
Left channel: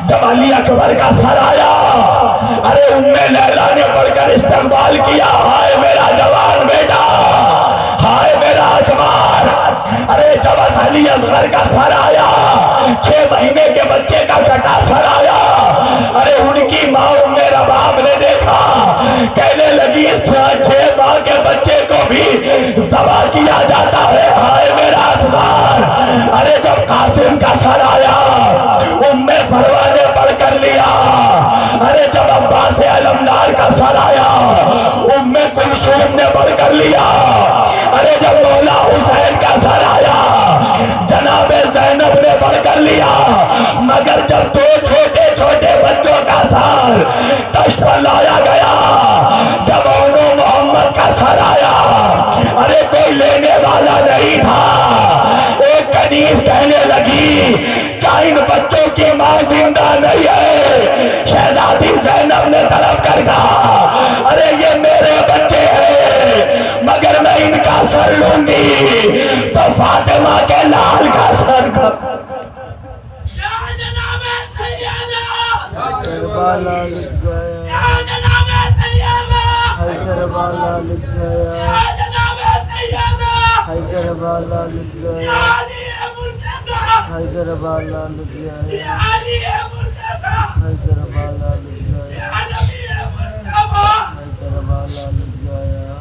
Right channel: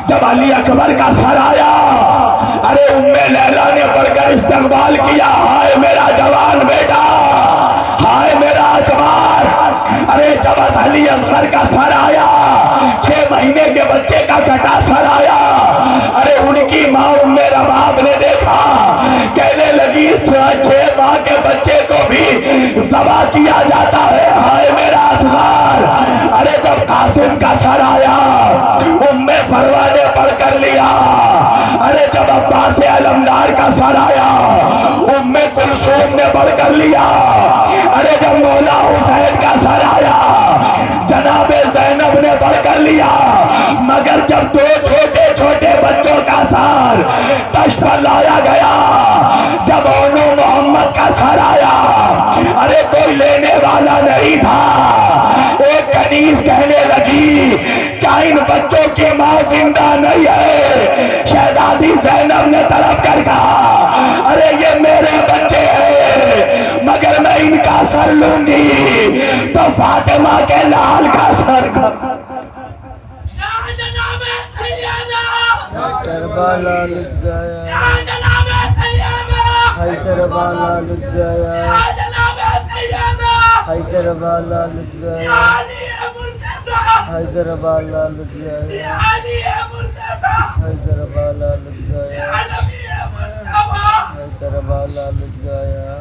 جب علی اکبر کا سر آیا، ارے ام لیلا نے پڑھ کر استقبال کیا، ہائے میرا جوان بیٹا، ہائے میرا اکبر۔ ارے جب علی اصغر کا سر آیا، 6 مہینے کے بچے کا کٹا سر آیا، ارے ان کی ماں ام رباب نے دیکھا، کہنے لگی اس 6 ماہ کے بچے کو بھی ذبح کیا جاتا ہے، ہائے میرا اصغر۔ ارے جب قاسم کا سر آیا، ام فروہ نے پڑھ کر لیا۔ ارے جب عباس علمدار کا سر آیا، ام کلثوم نے پڑھ کر لیا۔ ارے جب مولا حسین کا سر آیا، جناب زینب نے پڑھ کر لیا۔ مگر جب 2 چھوٹے چھوٹے بچوں کا سر تشت پر لایا گیا، جب انو محمد کا سر آیا، ارے کوئی لینے والا نہیں تھا۔ ایک کنیز کہنے لگی کیا ان بچوں کی ماں زندہ نہیں ہے؟ شہزادی زینب نے طلب کر کہا ارے یہ میرے بچے ہیں، مگر میں ان کا سر لوں گی تو فاطمہ کے لال کا سر کا۔ کربلا لٹ گیا، حیدربالا لٹ گیا، حیدربالا لٹ گیا، حیدربالا لٹ گیا، حیدربالا لٹ گیا، حیدربالا لٹ گیا۔